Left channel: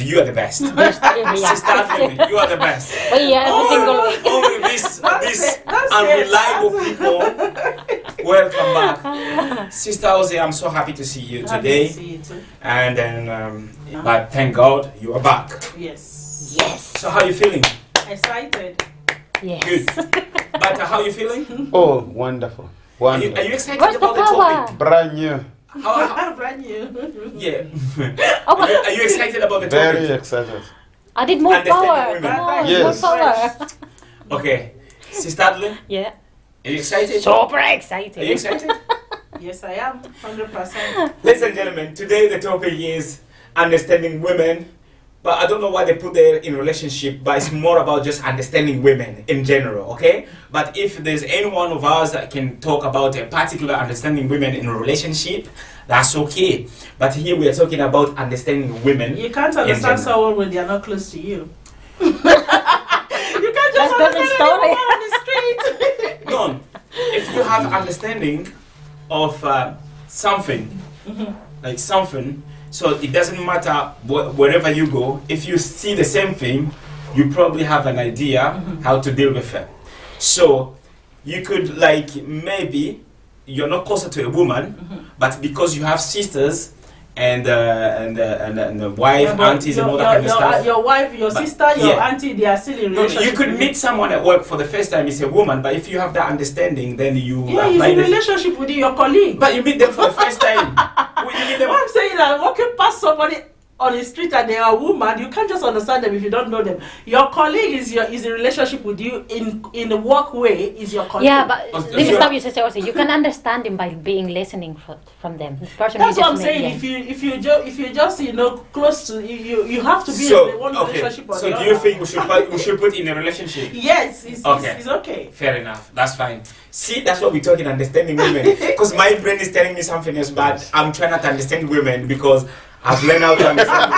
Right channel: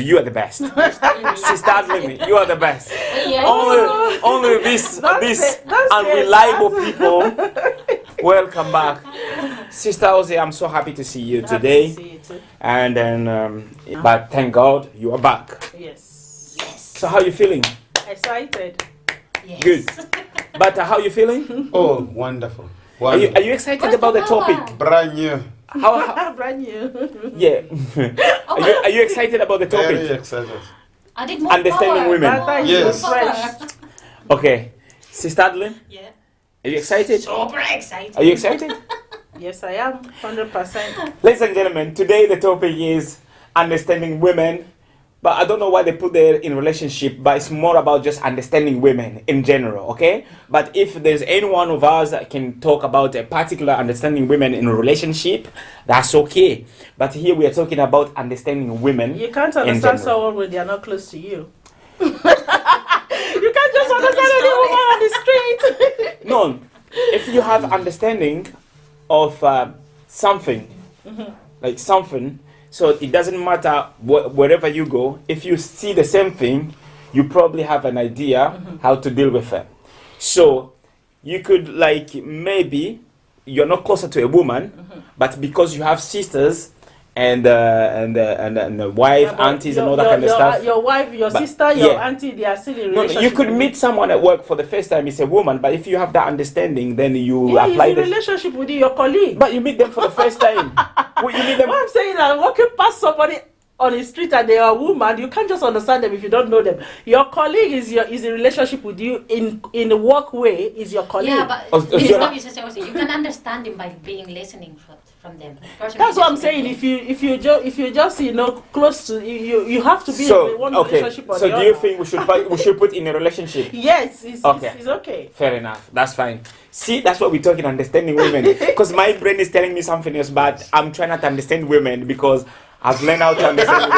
You are the best. Yeah. Sister Adeline, you are the best. Oh, yeah, Only this unreliable people. Welcome back. Sister Ozzy, I'm so happy to see you today. Happy to see you too. And then, but thank God you are back. Yes. Yes. So how are you feeling? Excited. Yes. Good. But how are you feeling? Oh, wonderful. Are Wonderful. you excited Where's about the the power? topic? Brand new. How, Brand new. yeah. Are you excited about the Very topic? excited. I did more Understanding power. women. More Yes. power. Okay. Sister Adeline, Yeah. are you excited? Super excited. Are you excited? Yes, I am. 100%. Ladies and gentlemen, today the topic is understanding women. But I don't know why they put that in relationship, but it's more about just understanding women in general, okay? But if there's any one of us that can talk about a particular understanding women in a relationship, that's okay. But here we are talking about understanding women. You can't in understand general. someone when they are not close to you. You can't just That's understand the story. anyone on the street. No, if you have understanding of something, like something, so it doesn't matter wherever you go, if you see the same thing, you probably have an idea how to deal with it. So you could, like, maybe you're not closer to a woman, but because you have sisters and the wife, Yeah, but aunties, and all that kind of stuff. Your wife, your But- sister, your yeah. auntie, they are still in No, relationship. you could with meet someone at work for the first time, it's a woman, but if you have that understanding, then you Yeah, he's apply in this. relationship with you, your colleague. But you meet them for the first time. Well, you meet them. What I'm saying is, walking past somebody on the street and they are a woman, you can't just understand them if you don't know them. Your colleague is in relationship with you in the work way is your colleague. Yeah, but Oh, this is yeah. what you say also. You can understand them by being listening from them. Person That's you what I'm just met, saying. yeah. If you just close to you have to be in one relationship or So the do you other. think we should put in a relationship? Yes, it's Okay. it's okay. Fair enough. That's fine. See, that's what we're talking, understanding women. Because my brain is telling me something else, but I'm trying not to understand women because I've learned how to understand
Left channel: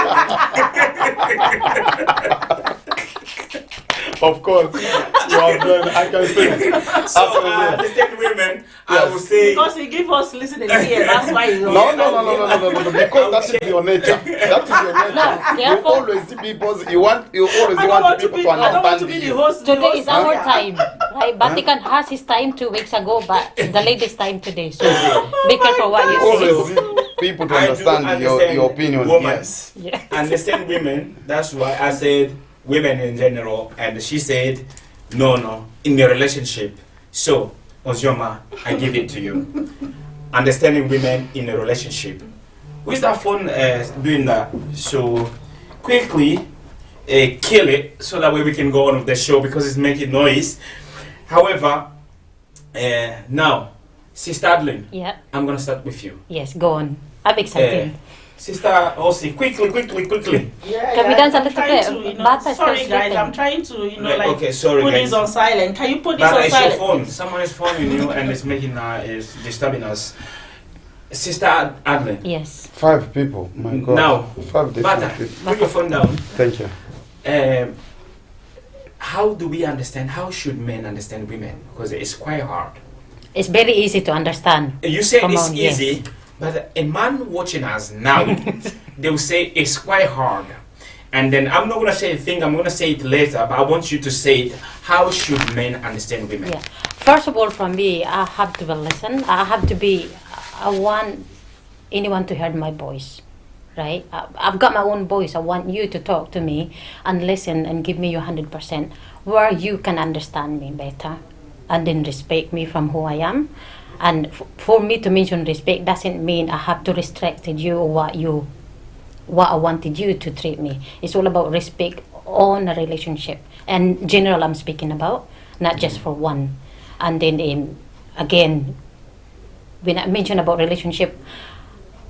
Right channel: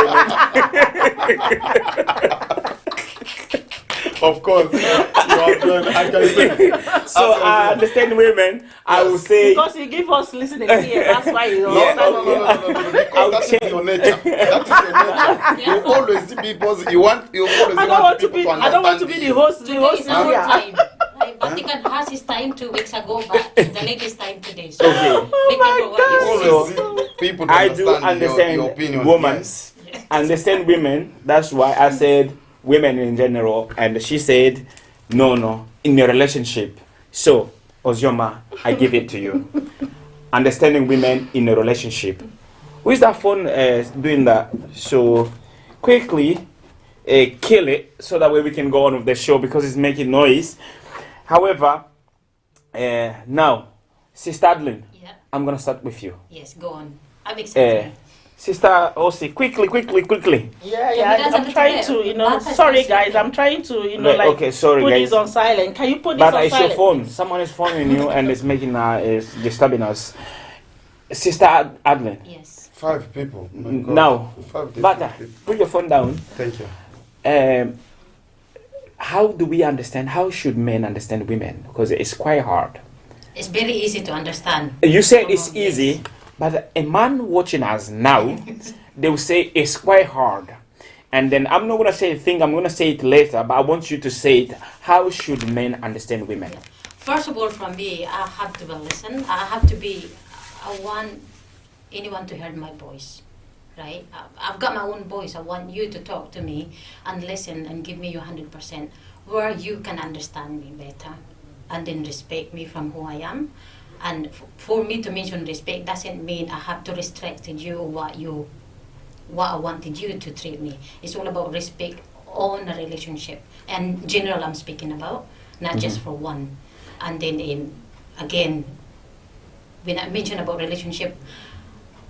Of course. You have done. I can say. women. So I understand women. I will say. Because you give us listening here, that's why you No. Because that is your nature. That is your nature. Yeah. You always see people. You always I don't want want to people be. to I don't want to understand be you. the host. The Today host is our here. time. Right? Vatican has his time 2 weeks ago, but the lady's time today. So be careful what You you say. always see people to I do understand your opinion. women. Yes. Yeah. Understand women. That's why I said women in general, and she said no in your relationship. So Ozioma, I give it to you. Understanding women in a relationship. Who is that phone doing that? So quickly kill it so that way we can go on with the show because it's making noise. However, now, Sister Adeline, Yeah. I'm gonna start with you. Yes, go on. I'm excited. Sister Osi, quickly. Yeah, Can we dance a I'm little trying bit? to, Bata is sorry still guys, sleeping. I'm trying to, Right, like okay, sorry, put guys. this on silent. Can you put this But on it's your silent? phone. Someone is phoning you and it's making is disturbing us. Sister Adeline. Yes. 5 people. My God. Now, 5 Bata, different people. put your phone down. Thank you. How do we understand? How should men understand women? Because it's quite hard. It's very easy to understand. You say Come it's on, yes. easy, but a man watching us now, they will say it's quite hard. And then I'm not gonna say a thing. I'm gonna say it later. But I want you to say it. How should men understand women? Yeah. First of all, from me, I have to listen. I want anyone to hear my voice, right? I've got my own voice. I want you to talk to me and listen and give me your 100%, where you can understand me better, and then respect me from who I am. And for me to mention respect doesn't mean I have to restrict you or what I wanted you to treat me. It's all about respect on a relationship. And general I'm speaking about, not just for one. And then again, when I mention about relationship,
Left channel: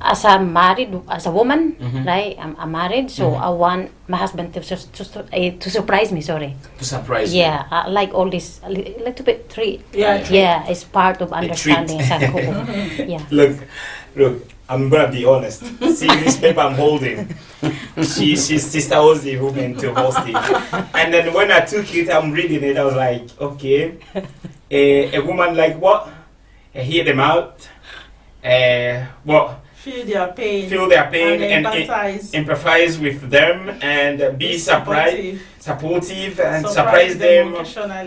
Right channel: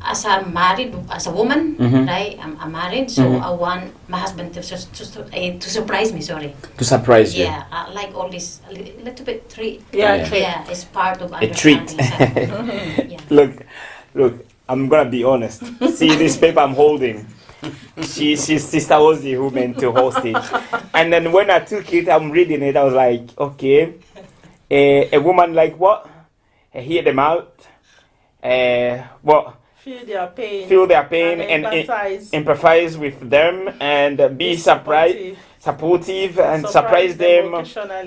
as a woman, right? I'm married, so I want my husband to surprise me. Sorry. To surprise you. Yeah, I like all this a little bit treat. Yeah, Yeah. treat. Yeah, it's part of understanding. It's a cool. Yeah. Look, I'm gonna be honest. See this paper I'm holding. She's Sister Ozzy who meant to host it. And then when I took it, I'm reading it. I was like, okay, a woman like what? Hear them out. What? Feel their pain. feel their pain, and and empathize. empathize with them, and be Be supportive, and surprise them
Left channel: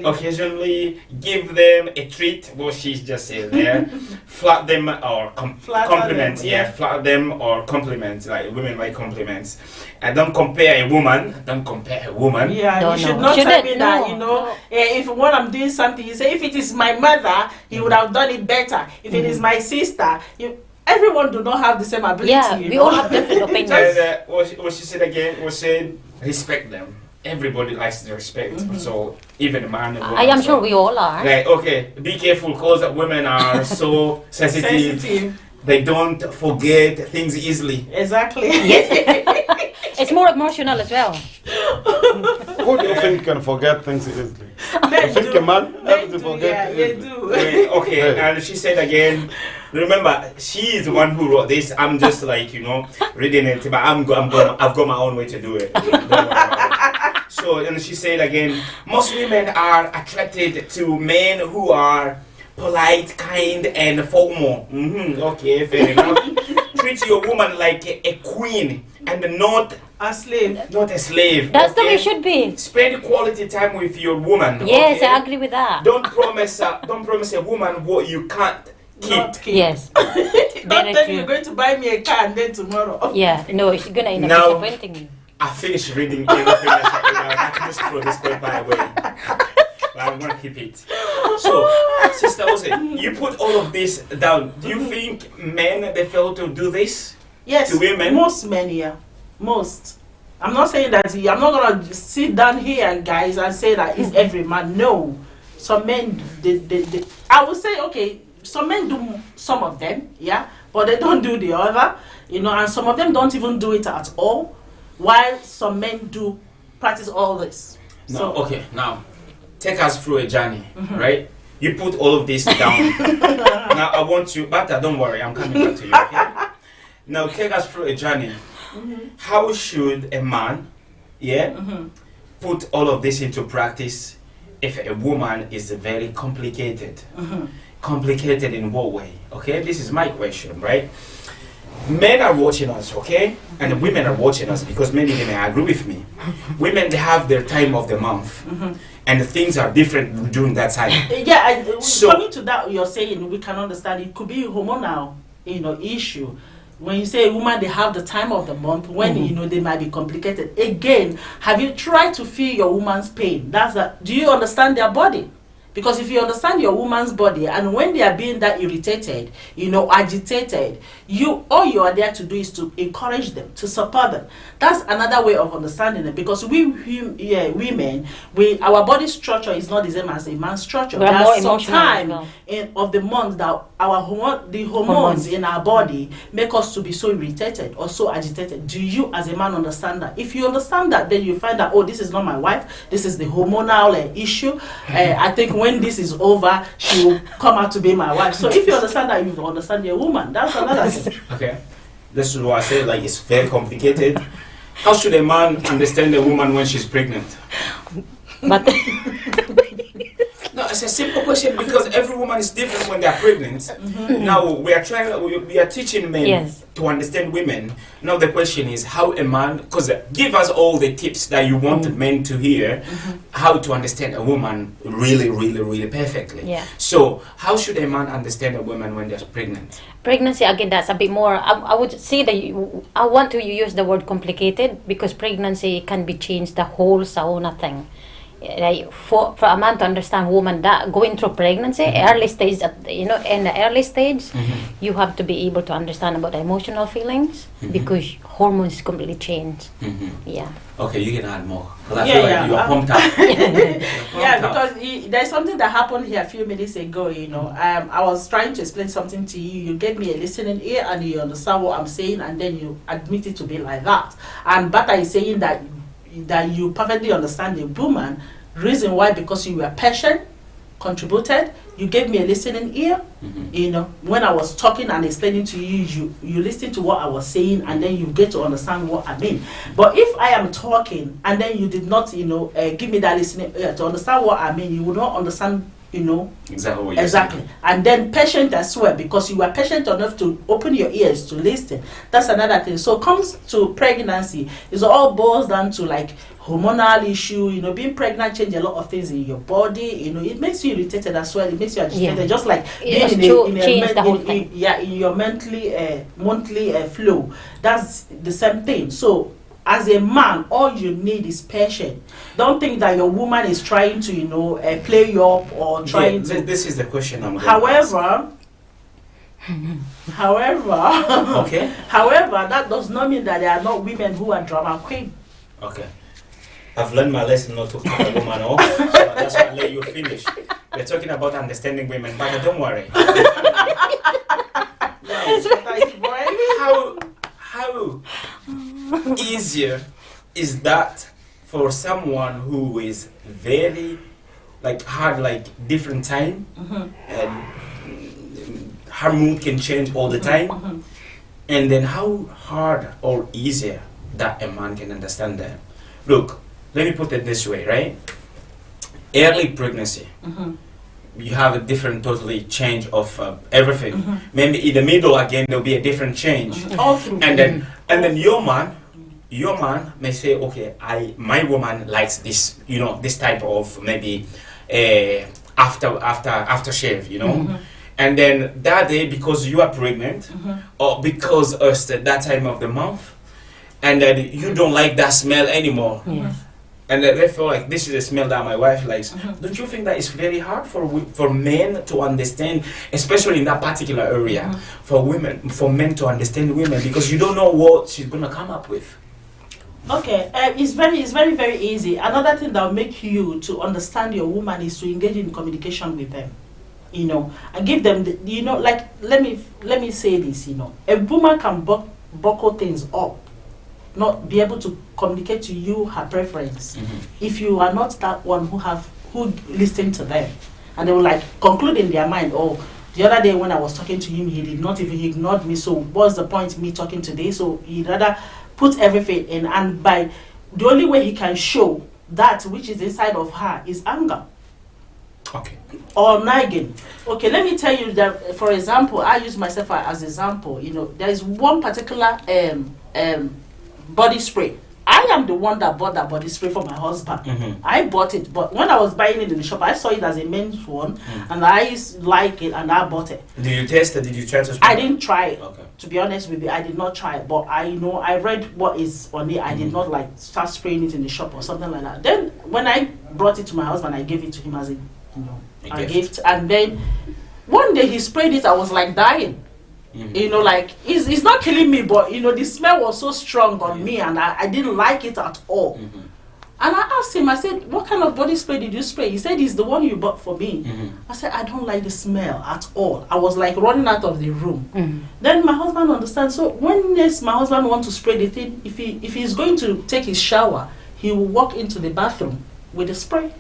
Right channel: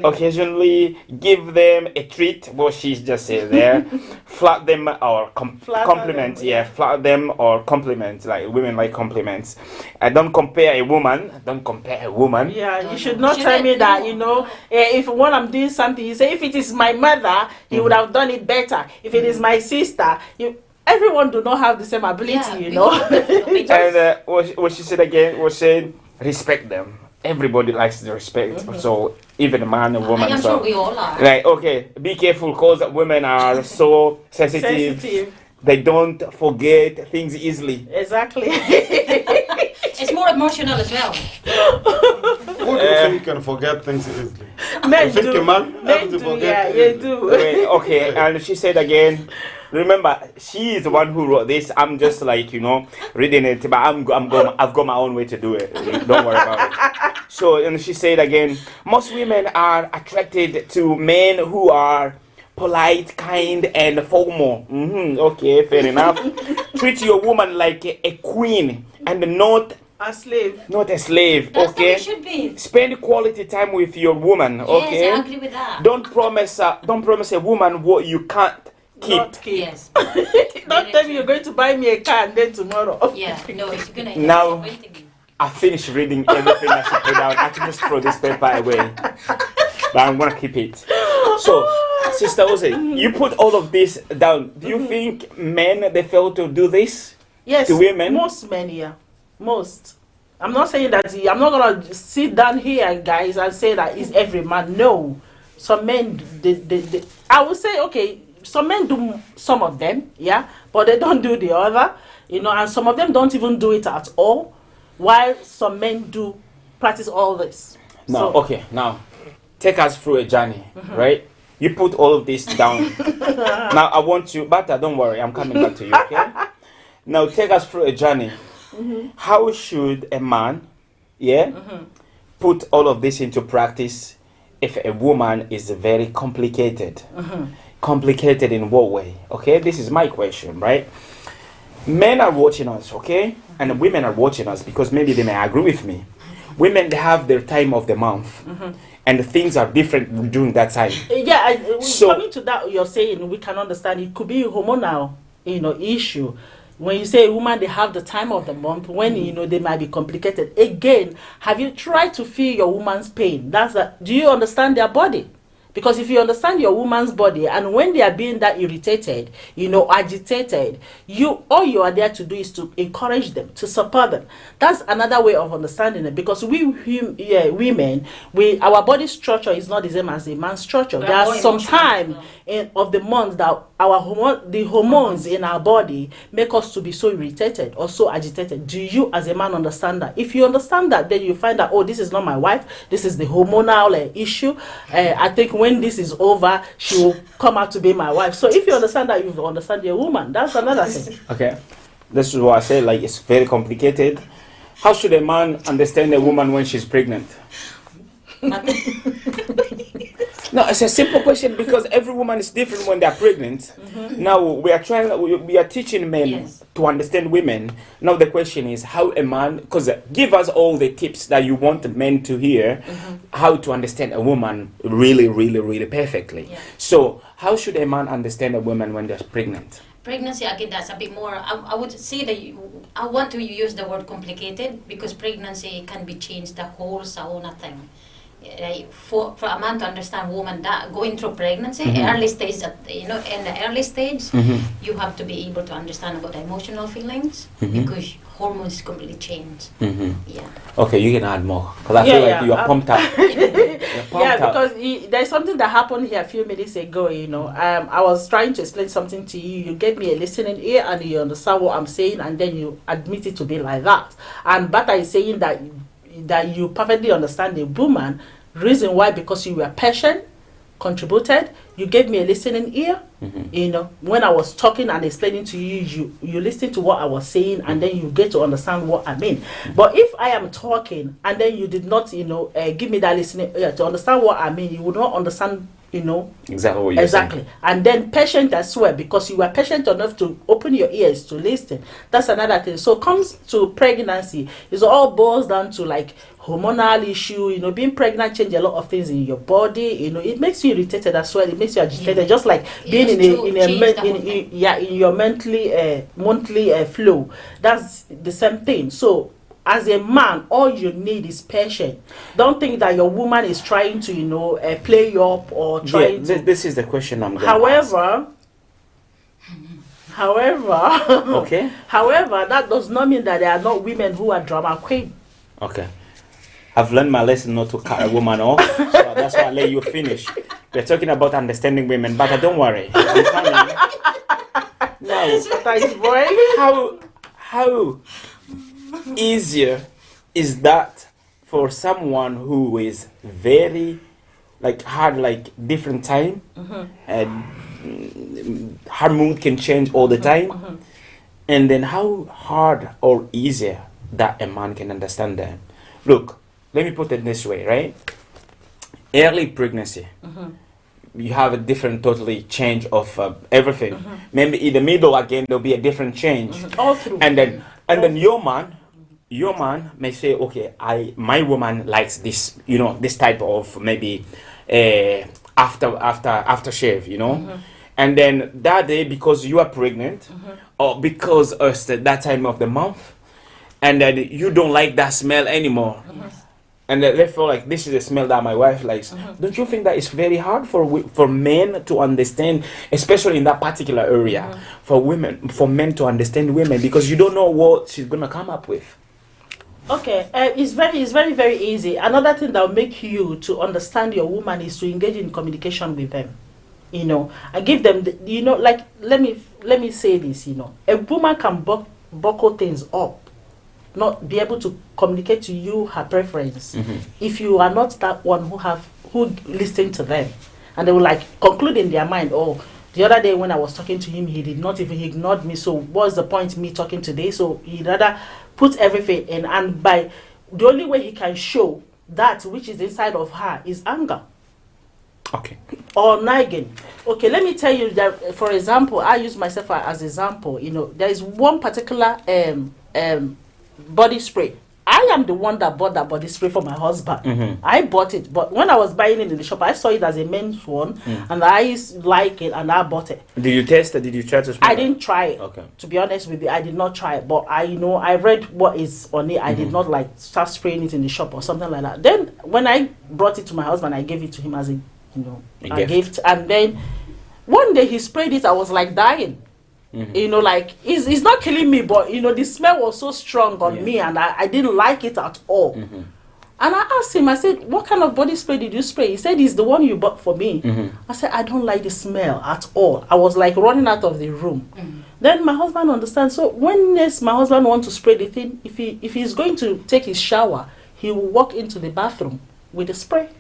occasionally. Give them a treat. What she's just said there. Flatter them or Flatter compliment. them, Yeah, yeah. flatter them or compliment. Like women like compliments. Don't compare a woman. Don't compare a woman. Yeah, No, you should no. not tell Shouldn't- me that, no, you know, no. if when I'm doing something, you say, if it is my mother, he would have done it better. If it is my sister, everyone do not have the same ability, Yeah, you we know. all have different opinions. And what she said again was saying, respect them. Everybody likes the respect. So even a man and woman. I am so- sure we all are. Right, okay. Be careful because women are so sensitive. Sensitive. They don't forget things easily. Exactly. It's more emotional as well. Who do you think can forget things easily? Men You think do. a man Men have to do, forget yeah, easily? they do. Right, okay, Hey. and she said again, remember, she is the one who wrote this. I'm just like, reading it, but I've got my own way to do it. Don't worry about it. So, and she said again, most women are attracted to men who are polite, kind, and formal. Okay, fair enough. Treat your woman like a queen and not A slave. a slave. That's the way okay? it should be. Spend quality time with your woman. Yes, okay? I agree with that. Don't promise a woman what you can't keep. Not keep. Yes. Don't Very tell me true. you're going to buy me a car and then tomorrow. Yeah, no, it's gonna end Now- up disappointing you. I finished reading everything I should read out. I can just throw this paper away. But I'm gonna keep it. So, Sister Ose, you put all of this down. Do you think men they fail to do this? Yes, To women? most men, yeah. Most. I'm not saying that, I'm not going to sit down here, guys, and say that it's every man. No. Some men, they, I would say, okay, some men do some of them, yeah, but they don't do the other, and some of them don't even do it at all, while some men do practice all this. Now, okay, now take us through a journey, right? You put all of this down. Now I want you, but don't worry, I'm coming back to you, okay? Now take us through a journey. How should a man, put all of this into practice if a woman is very complicated? Complicated in what way? Okay, this is my question, right? Men are watching us, okay? And women are watching us because maybe they may agree with me. Women, they have their time of the month. And things are different during that time. Yeah, So- coming to that, you're saying we can understand it could be a hormonal, issue. When you say a woman, they have the time of the month when they might be complicated. Again, have you tried to feel your woman's pain? Do you understand their body? Because if you understand your woman's body, and when they are being that irritated, agitated, all you are there to do is to encourage them, to support them. That's another way of understanding it. Because women, our body structure is not the same as a man's structure. We There are more are some emotional as time well. of the month that the hormones in our body make us to be so irritated or so agitated. Do you as a man understand that? If you understand that, then you find that, this is not my wife, this is the hormonal issue. I think when this is over, she will come out to be my wife. So if you understand that, you understand your woman. That's another thing. Okay, this is what I said. Like it's very complicated. How should a man understand a woman when she's pregnant? But No, it's a simple question because every woman is different when they're pregnant. Now we are teaching men Yes. to understand women. Now the question is how a man, because give us all the tips that you want men to hear, how to understand a woman really, really, really perfectly. Yeah. So how should a man understand a woman when they're pregnant? pregnancy, again, that's a bit more, I would say that I want to use the word complicated because pregnancy can be changed, the whole sauna thing. Like for a man to understand woman that going through pregnancy, early stage, in the early stage, you have to be able to understand about the emotional feelings because hormones completely change. Yeah. Okay, you can add more because I feel like you are pumped up. Because there's something that happened here a few minutes ago. I was trying to explain something to you. You gave me a listening ear and you understand what I'm saying, and then you admit it to be like that. And Bata is saying that you perfectly understand the woman. Reason why? Because you were patient, contributed, you gave me a listening ear. When I was talking and explaining to you, you listened to what I was saying, and then you get to understand what I mean. But if I am talking and then you did not give me that listening ear to understand what I mean, you would not understand you know. Exactly what you're Exactly. And then patient as well, because you are patient enough to open your ears to listen. That's another thing. So comes to pregnancy, it all boils down to like hormonal issue. You know, being pregnant change a lot of things in your body. You know, it makes you irritated as well. It makes you agitated, Yeah. just like It being has in to a change the whole thing. in your monthly flow. That's the same thing. So as a man, all you need is patience. Don't think that your woman is trying to, you know, play you up or trying to. This is the question I'm going However, Okay. however, that does not mean that there are not women who are drama queen. Okay. I've learned my lesson not to cut a woman off. So that's why I let you finish. We're talking about understanding women, but don't worry. How easier is that for someone who is very like had like different time and her mood can change all the time, and then how hard or easier that a man can understand them? Look, let me put it this way, right? Early pregnancy, you have a different totally change of everything. Maybe in the middle again there'll be a different change, All through. and then your man may say, okay, my woman likes this, you know, this type of maybe after shave, you know. And then that day, because you are pregnant, or because it's that time of the month, and then you don't like that smell anymore, Yes. and then they feel like this is a smell that my wife likes. Don't you think that it's very hard for men to understand, especially in that particular area, for men to understand women, because you don't know what she's gonna come up with? Okay, it's very, very easy. Another thing that will make you to understand your woman is to engage in communication with them. You know, and give them, you know, like let me say this. You know, a woman can buckle things up, not be able to communicate to you her preference if you are not that one who listen to them, and they will like conclude in their mind, oh, the other day when I was talking to him, he ignored me. So what's the point me talking today? So he rather put everything in, and by the only way he can show that which is inside of her is anger Okay. or nagging. Okay, let me tell you that, for example, I use myself as example. You know, there is one particular body spray. I am the one that bought that body spray for my husband. I bought it, but when I was buying it in the shop, I saw it as a men's one, and I like it, and I bought it. Did you test it? Did you try to spray I it? didn't try it. Okay. To be honest with you, I did not try it, but I read what is on it. I did not like start spraying it in the shop or something like that. Then when I brought it to my husband, I gave it to him as a A gift. And then one day he sprayed it. I was like dying. You know, like it's not killing me, but you know the smell was so strong on me, and I didn't like it at all. And I asked him, I said, what kind of body spray did you spray? He said, it's the one you bought for me. I said, I don't like the smell at all. I was like running out of the room. Then my husband understands. So when next my husband wants to spray the thing, if he's going to take his shower, he will walk into the bathroom with the spray.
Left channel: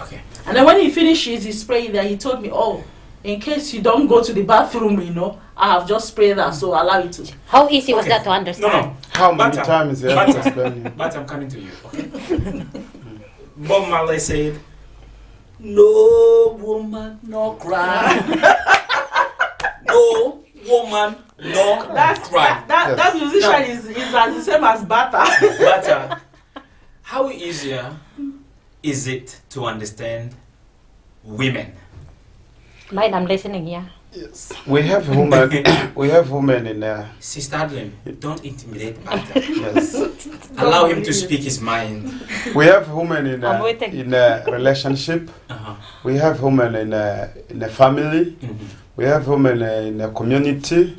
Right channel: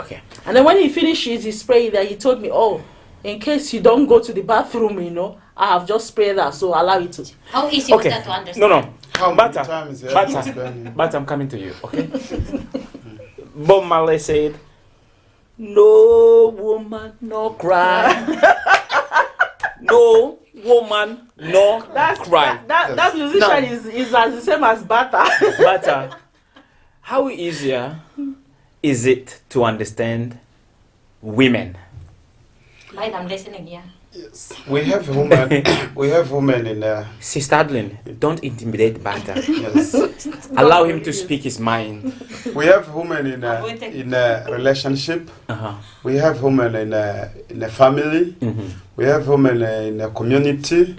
Okay. And then when he finishes his spray, then he told me, oh, in case you don't go to the bathroom, you know, I have just sprayed that, so allow it to. How easy was Okay. that to understand? No. How many Bata. times you have to explain it? But I'm coming to you, okay? Bob Marley said, no woman, no cry. No woman, no cry. That musician Now- is as the same as Bata. But how easier is it to understand women? Mine, I'm listening here. Yes. We have women. We have women in there. Sister Adeline, don't intimidate Bata. Yes. Allow him to speak his mind. We have women in I'm waiting. a relationship. Uh-huh. We have women in a family. We have women in a community.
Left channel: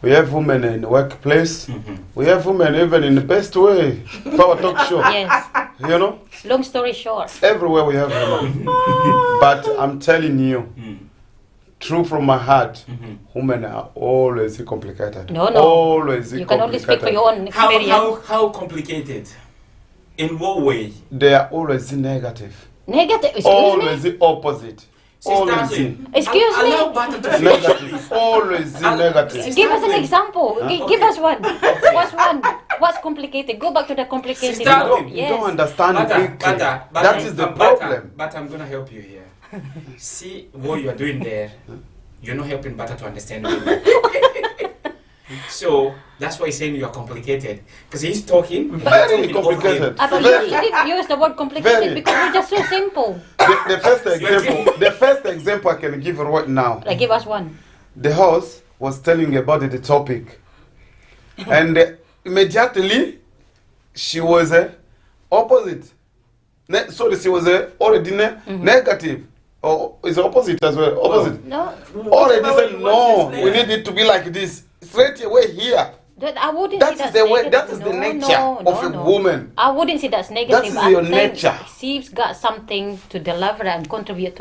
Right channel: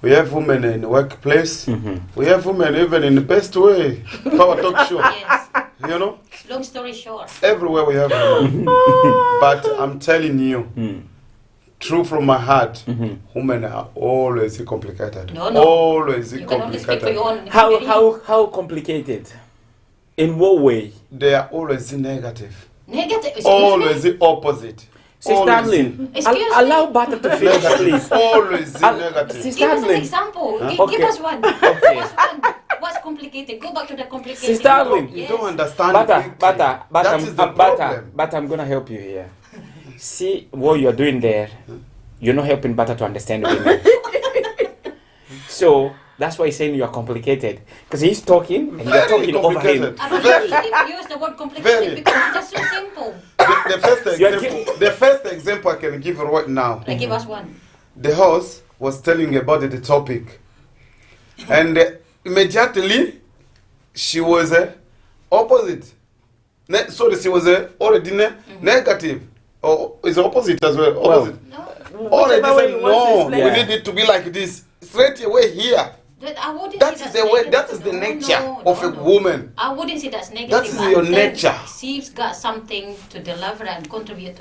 We have women in the workplace. We have women even in the best way. Power talk show. Yes. You know, Long story short. everywhere we have women. But I'm telling you, true from my heart, women are always complicated. No. Always You can only speak for complicated. your own experience. How complicated? In what way? They are always negative. Negative. Excuse Always me. the opposite. Sister Always Adeline, Excuse me? allow Bata to finish, negative. please. Always the negative. Give us an Stanley. example. Give Okay. us one. What's one? What's complicated? Go back to the complicated. Sister Adeline, You Yes. don't understand Bata, quickly. Bata, That is the Bata, problem. But I'm gonna help you here. See what you're doing there. You're not helping Butter to understand women. So that's why he's saying you're complicated. Because he's talking. and you're Very talking over him. complicated. But you didn't use the word complicated Very. because it's just so simple. The first example I can give right now. Like, give us one. The host was telling about the topic, and immediately she was opposite. Sorry, she was already negative. Or is opposite as well? Opposite. No, Already Whichever way said you want to no. explain We it. need it to be like this. Straight away here. I wouldn't That say is that's the way. negative. That is the No, nature no, of a no. woman. I wouldn't say that's negative. is I your think nature. She's got something to deliver and contribute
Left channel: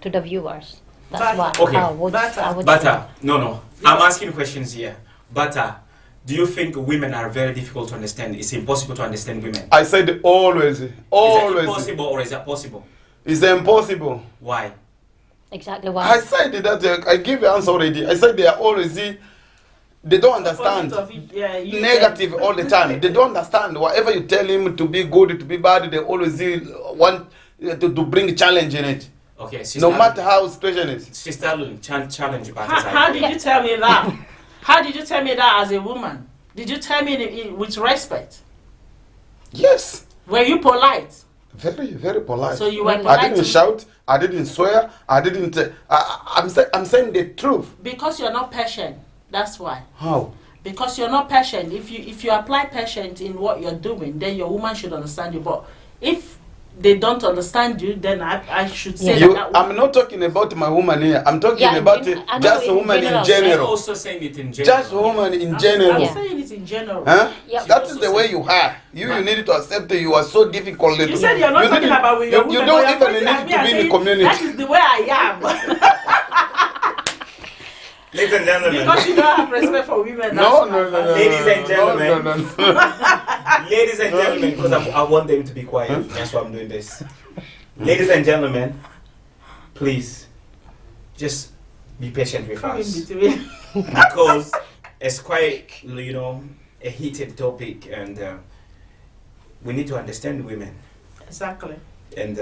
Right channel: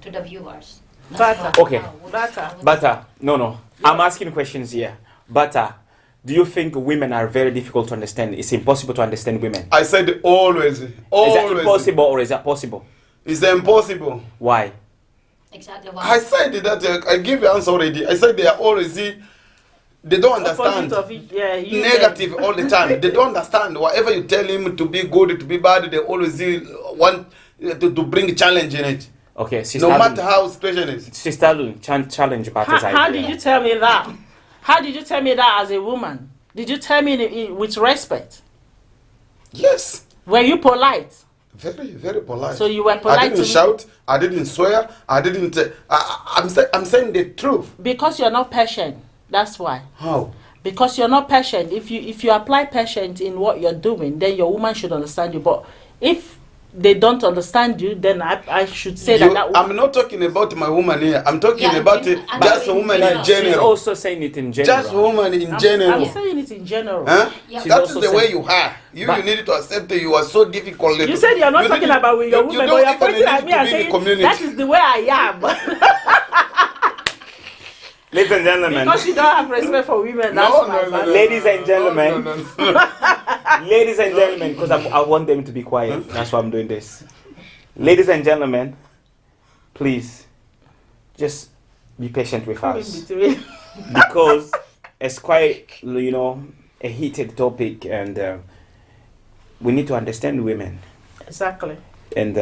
to the viewers. That's Butter. what Okay. I would, Butter. I would Butter. No. I'm asking questions here. Butter. Do you think women are very difficult to understand? It's impossible to understand women. I said always. Is that Always. impossible or is that possible? It's impossible. Why? say. Exactly why. I said that. I give the answer already. I said they are always. They don't understand. Opposite of it, yeah, you Negative all the time. They don't understand. Whatever you tell him to be good, to be bad, they always want to bring challenge in it. Okay, Sister No matter Adeline. how situation is. Sister Adeline, challenge Butter's How idea. did you tell me that? How did you tell me that as a woman? Did you tell me with respect? Yes. Were you polite? Very, very polite. So you were I polite I didn't to me shout. I didn't swear. I didn't. I'm saying the truth. because you're not patient. That's why. How? Because you're not patient. If you apply patience in what you're doing, then your woman should understand you. But if they don't understand you, then I should say You, that. I'm not talking about my woman here. I'm talking Yeah, about I know just a in woman in general. She's general. also saying it in general. Just a woman in I'm general. saying it in general. Huh? Yeah. That She's is also the way saying- you are. You need to accept that you are so difficult. You said you're not You talking didn't- about with your you woman, don't but you're even pointing at need me to and be in the saying community. that is the way I am. Ladies and gentlemen. Because you don't have respect for women. No, That's no, my no, no, Ladies and gentlemen. no. Ladies and gentlemen, because I want them to be quiet. That's why I'm doing this. Ladies and gentlemen, please, just be patient with Come in us. between. Because it's quite, a heated topic and we need to understand women. Exactly. And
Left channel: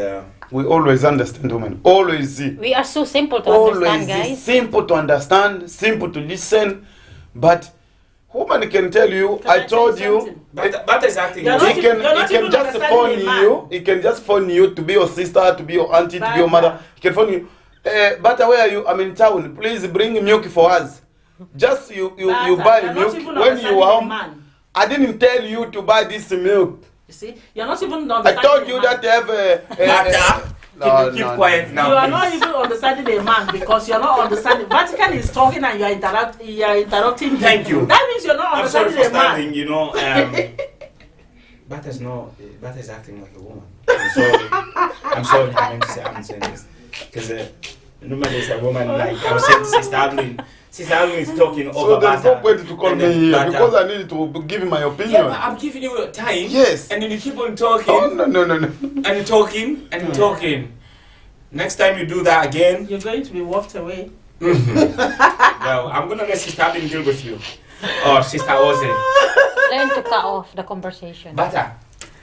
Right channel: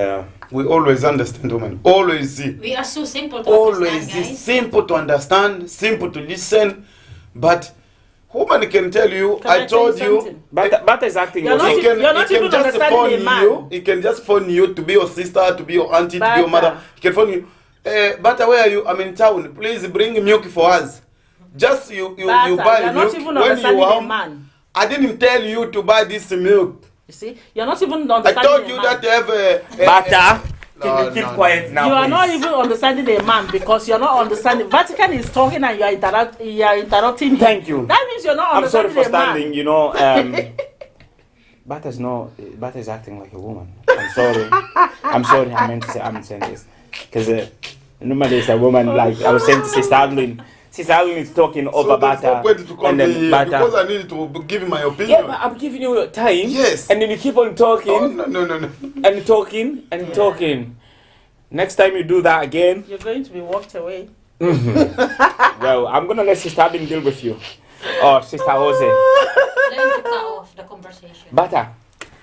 We always understand women. Always. We are so simple to Always understand, guys. simple to understand, simple to listen. But woman can tell you, Can I tell told you you. something? but is acting. You're as not if- He can, you're not he can even just understanding phone a man. you. He can just phone you to be your sister, to be your auntie, to be your Bata. mother. He can phone you. But where are you? I'm in town. Please bring milk for us. Just you Bata, buy you're milk not even when understanding you a are. man. I didn't tell you to buy this milk. You see, you're not even I understanding told a you man. that they have a. Bata, No, can you keep no, quiet no. now? You are please? not even understanding a man because you're not understanding. Vatican is talking and you're interrupting him. Thank you. That means you're not I'm sorry understanding for a man. standing, Bata's acting like a woman. I'm sorry I meant to say, I'm saying this. Because normally it's a woman, like I was saying to Sister Adeline. Sister Adeline is talking over So there's Bata. no point to call and me then here Bata- because I need to give my Yeah, opinion. but I'm giving you your time. Yes. And then you keep on talking. Oh, no. And talking and talking. Next time you do that again, You're going to be walked away. well, I'm gonna let Sister Adeline deal with you. Or Sister Ose. Learn to cut off the conversation. Bata.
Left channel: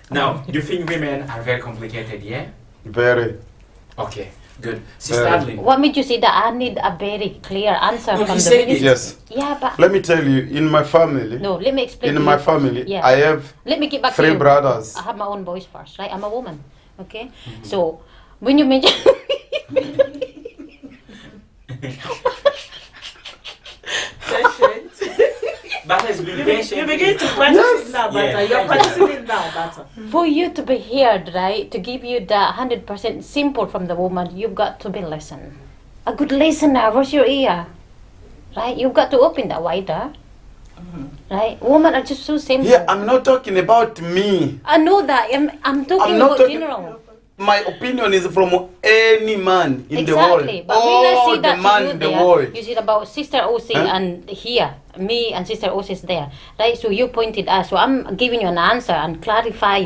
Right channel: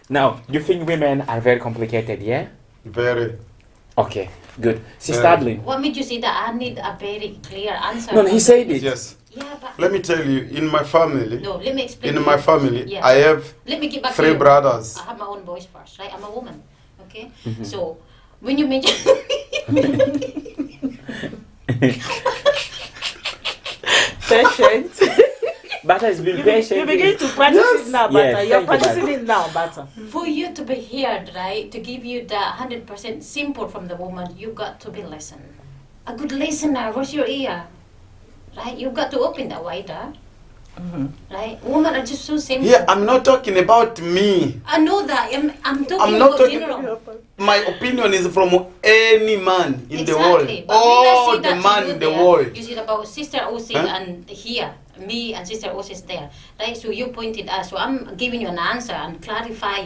Now, you think women are very complicated, yeah? Very. Okay, good. Sister Very. Adeline. What made you say that? I need a very clear answer No, from he the said beginning. Yes. Yeah, but Let me tell you, in my family, no, let me explain. in to my you. family, Yeah. I have Let me get back to 3 you. brothers. I have my own voice first, right? I'm a woman, okay? Mm-hmm. So when you mention Patient. Bata is being patient. You begin to practice it now, Bata. Yes. You're practicing it now, Bata. for you to be heard, right? To give you the 100% simple from the woman, you've got to be listen. A good listener. Where's your ear? Right? You've got to open that wider. Right? Women are just so simple. Yeah, I'm not talking about me. I know that. I'm talking I'm not about talking- general. My opinion is from any man in the world. Exactly. But when I All say the that to man you in the there, world. you said about Sister Osi Huh? and here, me and Sister Osi is there, right? So you pointed us. So I'm giving you an answer and clarify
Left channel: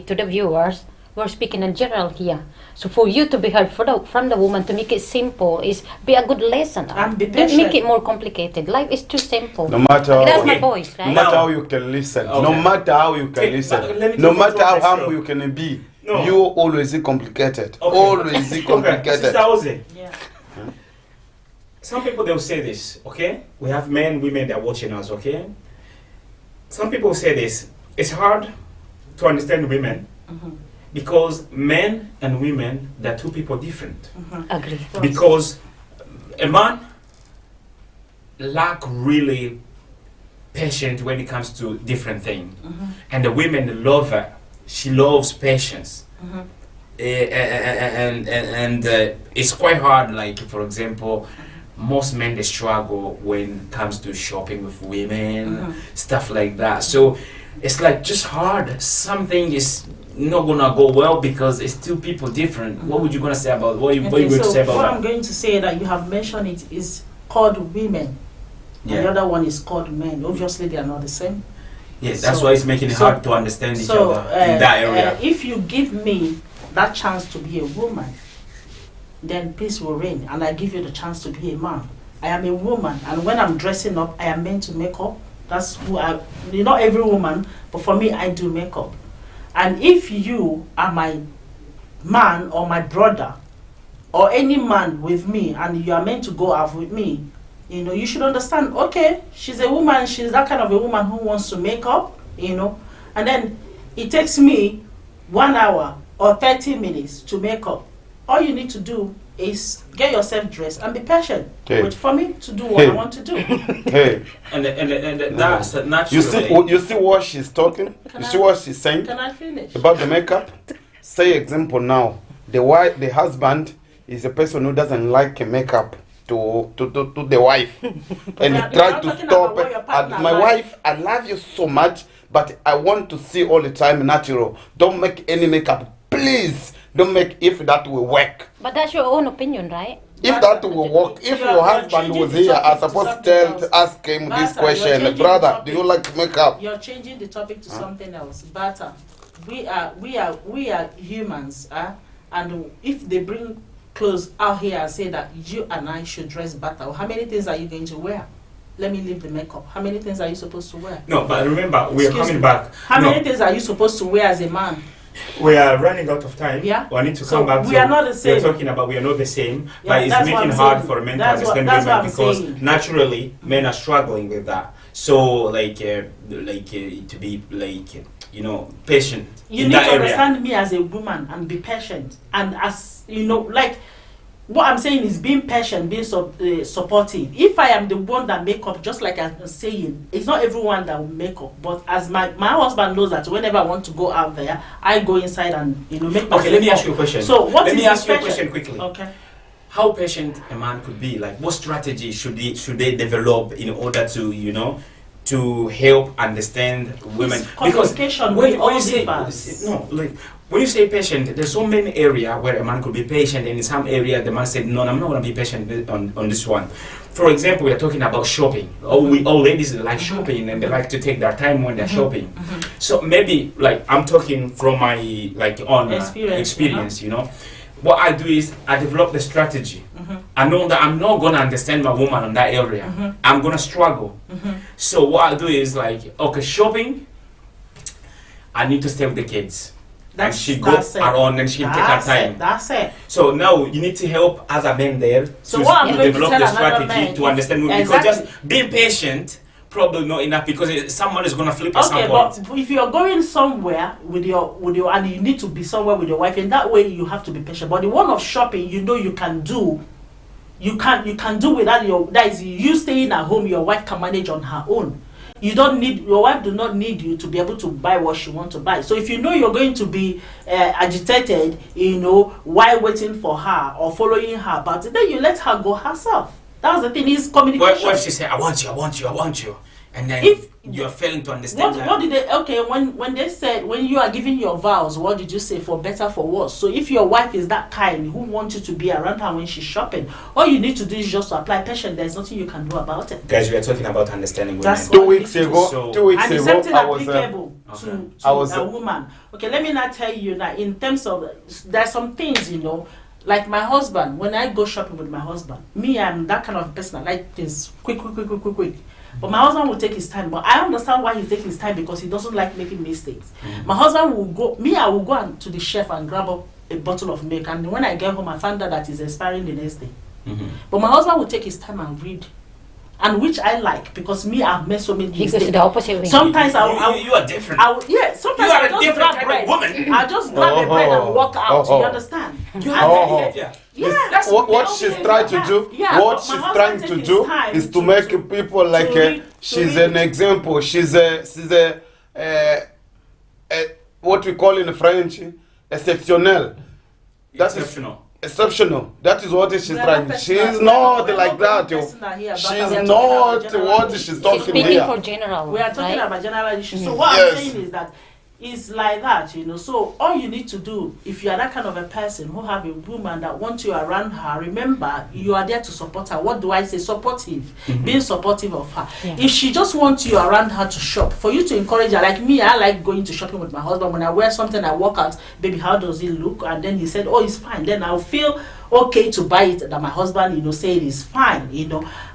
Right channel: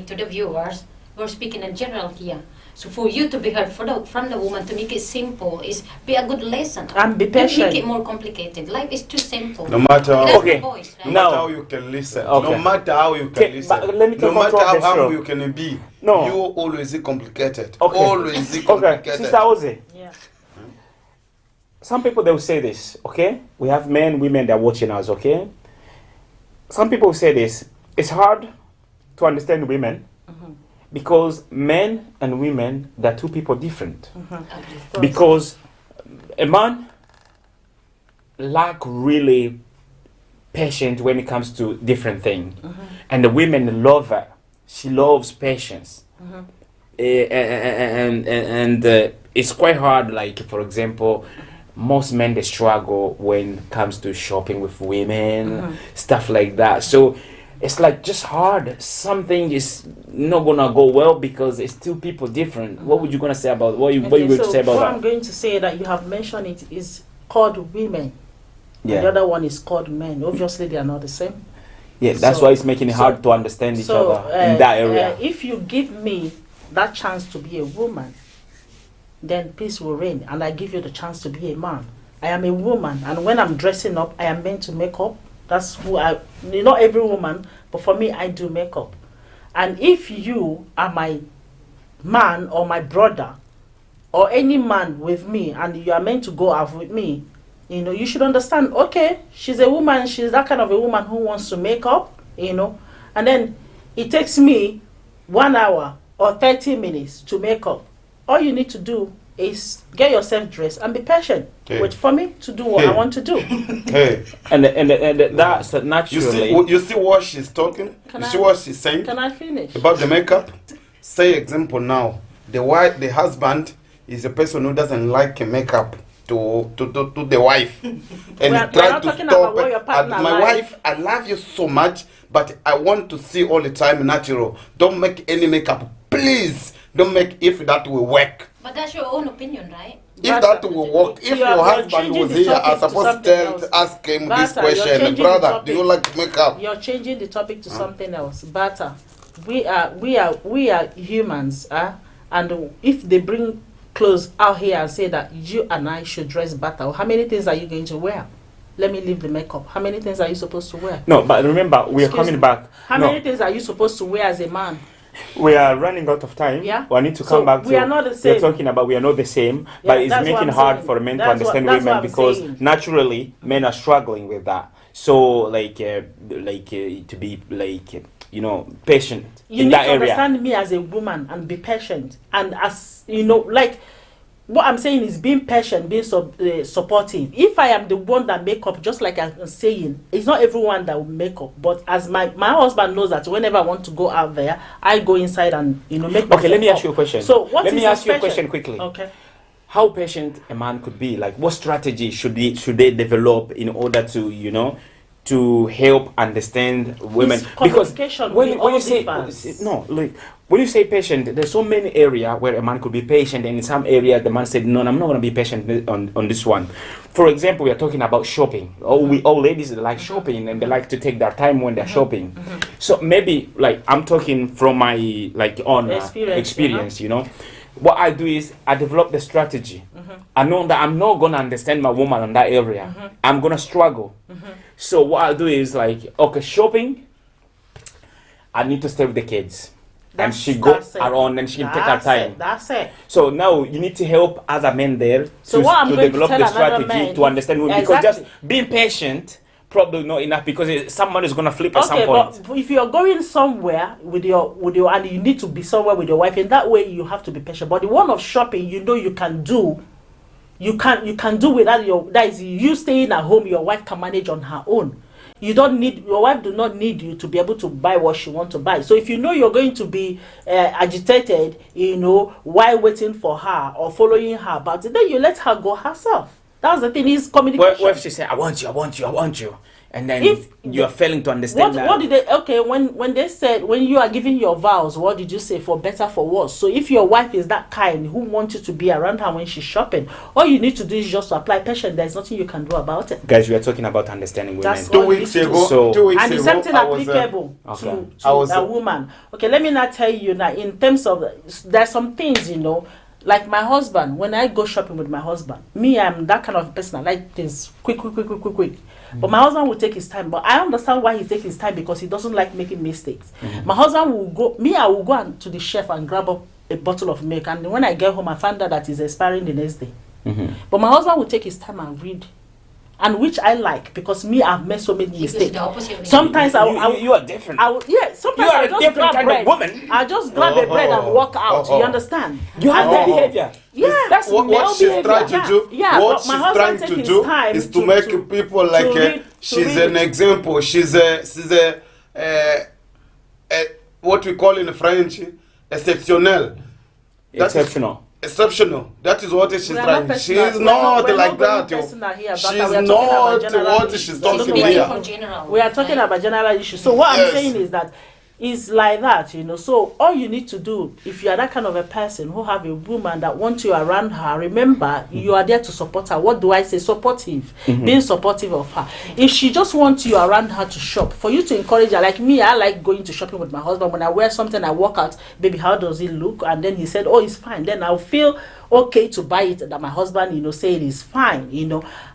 to the viewers. We're speaking in general here. So for you to be heard from the woman, to make it simple, is be a good listener. And be Don't patient. make it more complicated. Life is too simple. No matter how, That's Okay. my voice, no right? Now- matter how you can listen, Okay. no matter how you can Okay, listen, but let me no take matter how control of the humble show. you can be, No. You always complicated. Okay. Always Okay, complicated. Sister Ozzy, Yeah. some people they will say this, okay? We have men, women that are watching us, okay? Some people say this. It's hard to understand women because men and women, they're two people different. Agree. Because a man lack really patient when it comes to different things, and the women love her. She loves patience. And it's quite hard. Like for example, most men they struggle when it comes to shopping with women, stuff like that. So it's like just hard. Something is not gonna go well because it's two people different. What would you gonna say about what you going to say about what that? I'm going to say that you have mentioned it is called women. Yeah. And the other one is called men. Obviously, they are not the same. Yes, that's So- why it's making it so- hard to understand each So, other in that area. if you give me that chance to be a woman, then peace will reign, and I give you the chance to be a man. I am a woman, and when I'm dressing up, I am meant to make up. That's who I. Not every woman, but for me, I do makeup. And if you are my man or my brother, or any man with me, and you are meant to go out with me, you know, you should understand, okay, she's a woman, she's that kind of a woman who wants to make up, you know, and then it takes me 1 hour or 30 minutes to make up. All you need to do is get yourself dressed and be patient. Okay. Wait for me to do what I Hey. want to do. Hey, And that's naturally. you see what she's talking? Can You I- see what she's saying Can I finish? about the makeup? Say example now. The husband is a person who doesn't like makeup to the wife, and We are try not to talking stop about what it. your And partner my likes. wife, I love you so much, but I want to see all the time natural. Don't make any makeup, please. Don't make if that will work. But that's your own opinion, right? If that will work, if You are- your you are husband changing was the here, topic I'm to supposed something to else. ask him this Bata, you're question. changing the Brother, topic. do you like makeup? You're changing the topic to something else. Bata, we are humans, and if they bring clothes out here and say that you and I should dress better, how many things are you going to wear? Let me leave the makeup. How many things are you supposed to wear? No, but remember, we're Excuse coming me. back. How No, many things are you supposed to wear as a man? we are running out of time. Yeah. We need to So come back. we to, are not the same. We're talking about we are not the same, Yeah, but it's that's what making I'm hard saying. for men That's to what- understand that's women what I'm because saying. naturally men are struggling with that. So to be patient You in need that to area. understand me as a woman and be patient. And as you know, like what I'm saying is being patient, being supportive. If I am the one that make up, just like I'm saying, it's not everyone that will make up. But as my husband knows that whenever I want to go out there, I go inside and make myself Okay, let me ask up. you a question. So what let is me ask you a patient? question quickly. Okay. How patient a man could be? Like, what strategy should they develop in order to to help understand women? It's communication with all differs. When you say patient, there's so many areas where a man could be patient, and in some area the man said, "No, I'm not going to be patient on this one." For example, we are talking about shopping. All ladies like shopping, and they like to take their time when they're shopping. So maybe, like, I'm talking from my own experience, What I do is I develop the strategy. I know that I'm not gonna understand my woman on that area. I'm gonna struggle. So what I do is shopping. I need to stay with the kids, and she goes around and she can take her time. That's it. So now you need to help other men there. So what I'm to going to develop tell the another strategy man to understand women exactly. because just being patient probably not enough because someone is gonna flip at some Okay, point. but if you're going somewhere with your and you need to be somewhere with your wife, in that way you have to be patient. But the one of shopping, you can do, you can do without that is you staying at home. Your wife can manage on her own. Your wife do not need you to be able to buy what she want to buy. So if you're going to be agitated, while waiting for her or following her, but then you let her go herself. That's the thing, is communication. What if she say, I want you, and then If you are failing to understand that? What did they? Okay, when they said when you are giving your vows, what did you say? For better, for worse. So if your wife is that kind who wants you to be around her when she's shopping, all you need to do is just to apply patience. There's nothing you can do about it. Guys, we are talking about understanding women. That's Two all weeks you need to ago, So- 2 weeks And the ago, same thing I was applicable okay. to I was, a woman. Okay, let me not tell you that in terms of there's some things like my husband. When I go shopping with my husband, I'm that kind of person. I like things quick. But my husband will take his time. But I understand why he takes his time, because he doesn't like making mistakes. My husband will go, I will go to the chef and grab up a bottle of milk. And when I get home, I find out that it's expiring the next day. But my husband will take his time and read. And which I like, because I've made so many He goes mistakes. the opposite way. Sometimes you are different. sometimes You are I a just different grab kind of bread. woman. I just grab a bread and walk out. You understand? You have that behavior. Yeah. That's What male she's behavior. trying to do, Yeah, what but she's my husband trying take to his do time is to to- make to- people like read- she's read. an example. She's a what we call in French exceptionnel. That is- Exceptional. Exceptional. That is what she's We are trying. not She's personal. not We're like not that. Yo. personal here, but She's we are talking not about general what things. she's She's talking Speaking here. for general. We are talking right? about general issues. So what Yes. I'm saying is that it's like that, So all you need to do, if you are that kind of a person who have a woman that wants you around her, remember you are there to support her. What do I say? Supportive. Being supportive of her. If she just wants you around her to shop, for you to encourage her, like me, I like going to shopping with my husband. When I wear something, I walk out, baby, how does it look? And then he said, oh, it's fine. Then I'll feel okay to buy it, that my husband, say it is fine,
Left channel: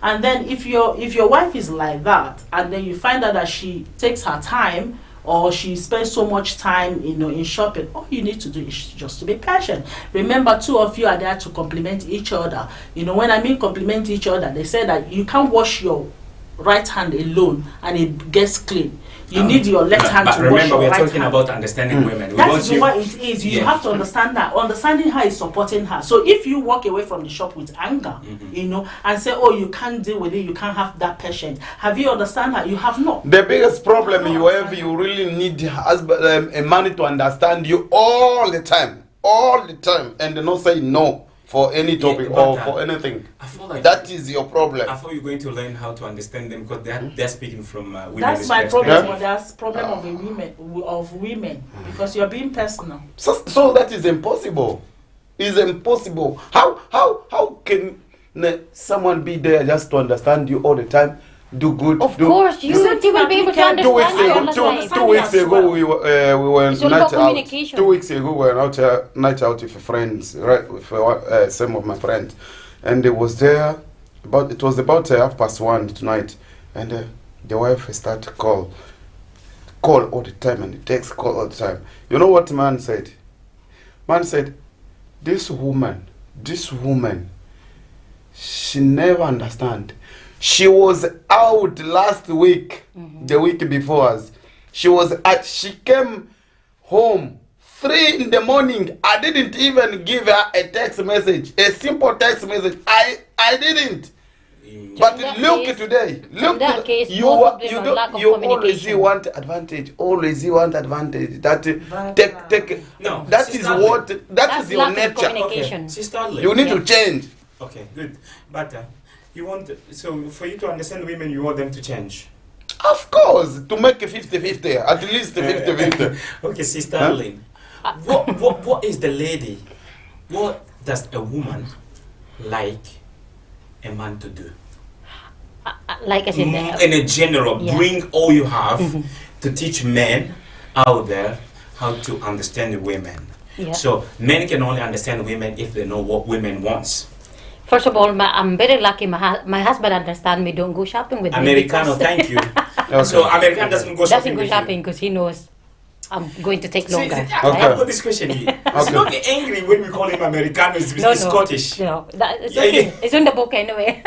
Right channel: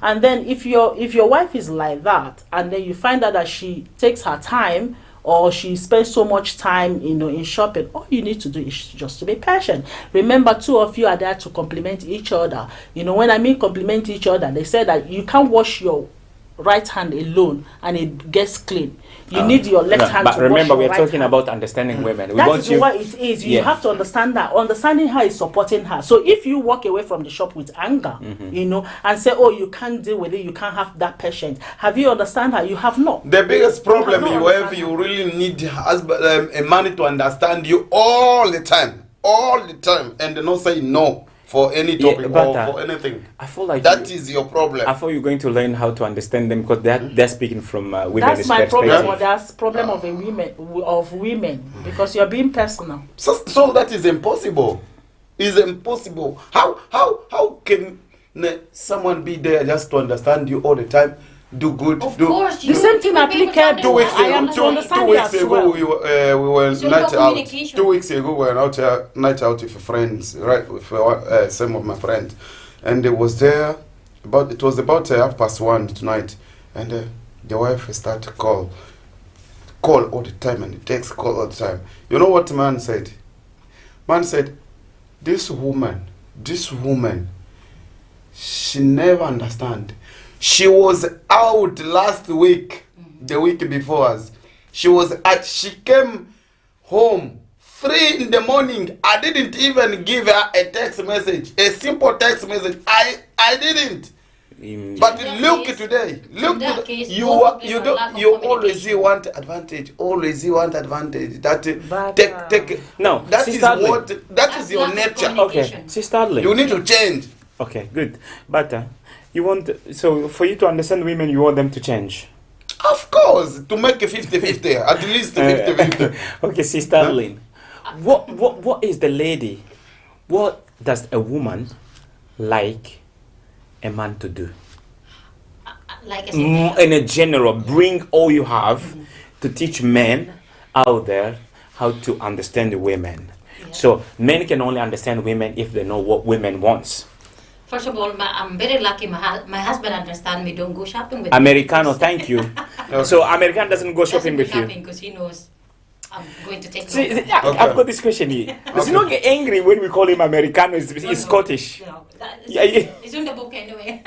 And then if your wife is like that, and then you find out that she takes her time, or she spends so much time, in shopping, all you need to do is just to be patient. Remember, two of you are there to complement each other. When I mean complement each other, they say that you can't wash your right hand alone and it gets clean. You need your left hand but to wash remember, your we're right talking hand. about understanding women. We That want is you- what it is. You Yeah. have to understand that. Understanding her is supporting her. So if you walk away from the shop with anger, and say, oh, you can't deal with it, you can't have that patience. Have you understand her? You have not. The biggest problem No, you no, have, no. you really need a man to understand you all the time, and not say no for any topic or but, for anything. I feel like That is your problem. I thought you're going to learn how to understand them, because they're speaking from women's That's my problem, perspective. or that's problem of women, because you're being personal. So that is impossible. It's impossible. How can someone be there just to understand you all the time, do good, Of do course, you The same you thing will be able to applicable. 2 weeks understand. I ago, two, understand. understand 2 weeks you as ago well. we were It's all night about out. communication. 2 weeks ago we were night out with friends, right? With some of my friends, and they was there. It was about 1:30 tonight, and the wife started call all the time, and the text call all the time. You know what man said? Man said, this woman, she never understand. She was out last week, the week before us. She came home 3 in the morning. I didn't even give her a text message, a simple text message. I didn't. But In that look case- today. Look in that to case, you. both of them You are don't. lack of You always communication. want advantage. Always you want advantage. That But, take. No, That is sister, what. That That's is your lack of nature. communication. Okay, Sister Adley. You need to change. Okay, good. But you want, so for you to understand women, you want them to change. Of course, to make a 50-50, at least 50-50. Okay, Sister Huh? Adley. What is the lady? What does a woman like a man to do? Like I said, In a general, Yeah. bring all you have to teach men out there how to understand the women. Yeah. So men can only understand women if they know what women wants. first of all, I'm very lucky. My husband understand me. Don't go shopping with Americano, me. thank you. So American doesn't go Doesn't shopping go with shopping you. because he knows I'm going to take See, longer. I- Okay. I've got this question here. He's Okay. not get angry when we call him Americano. He's Scottish. No, it's, Yeah, okay. yeah. It's in the book anyway.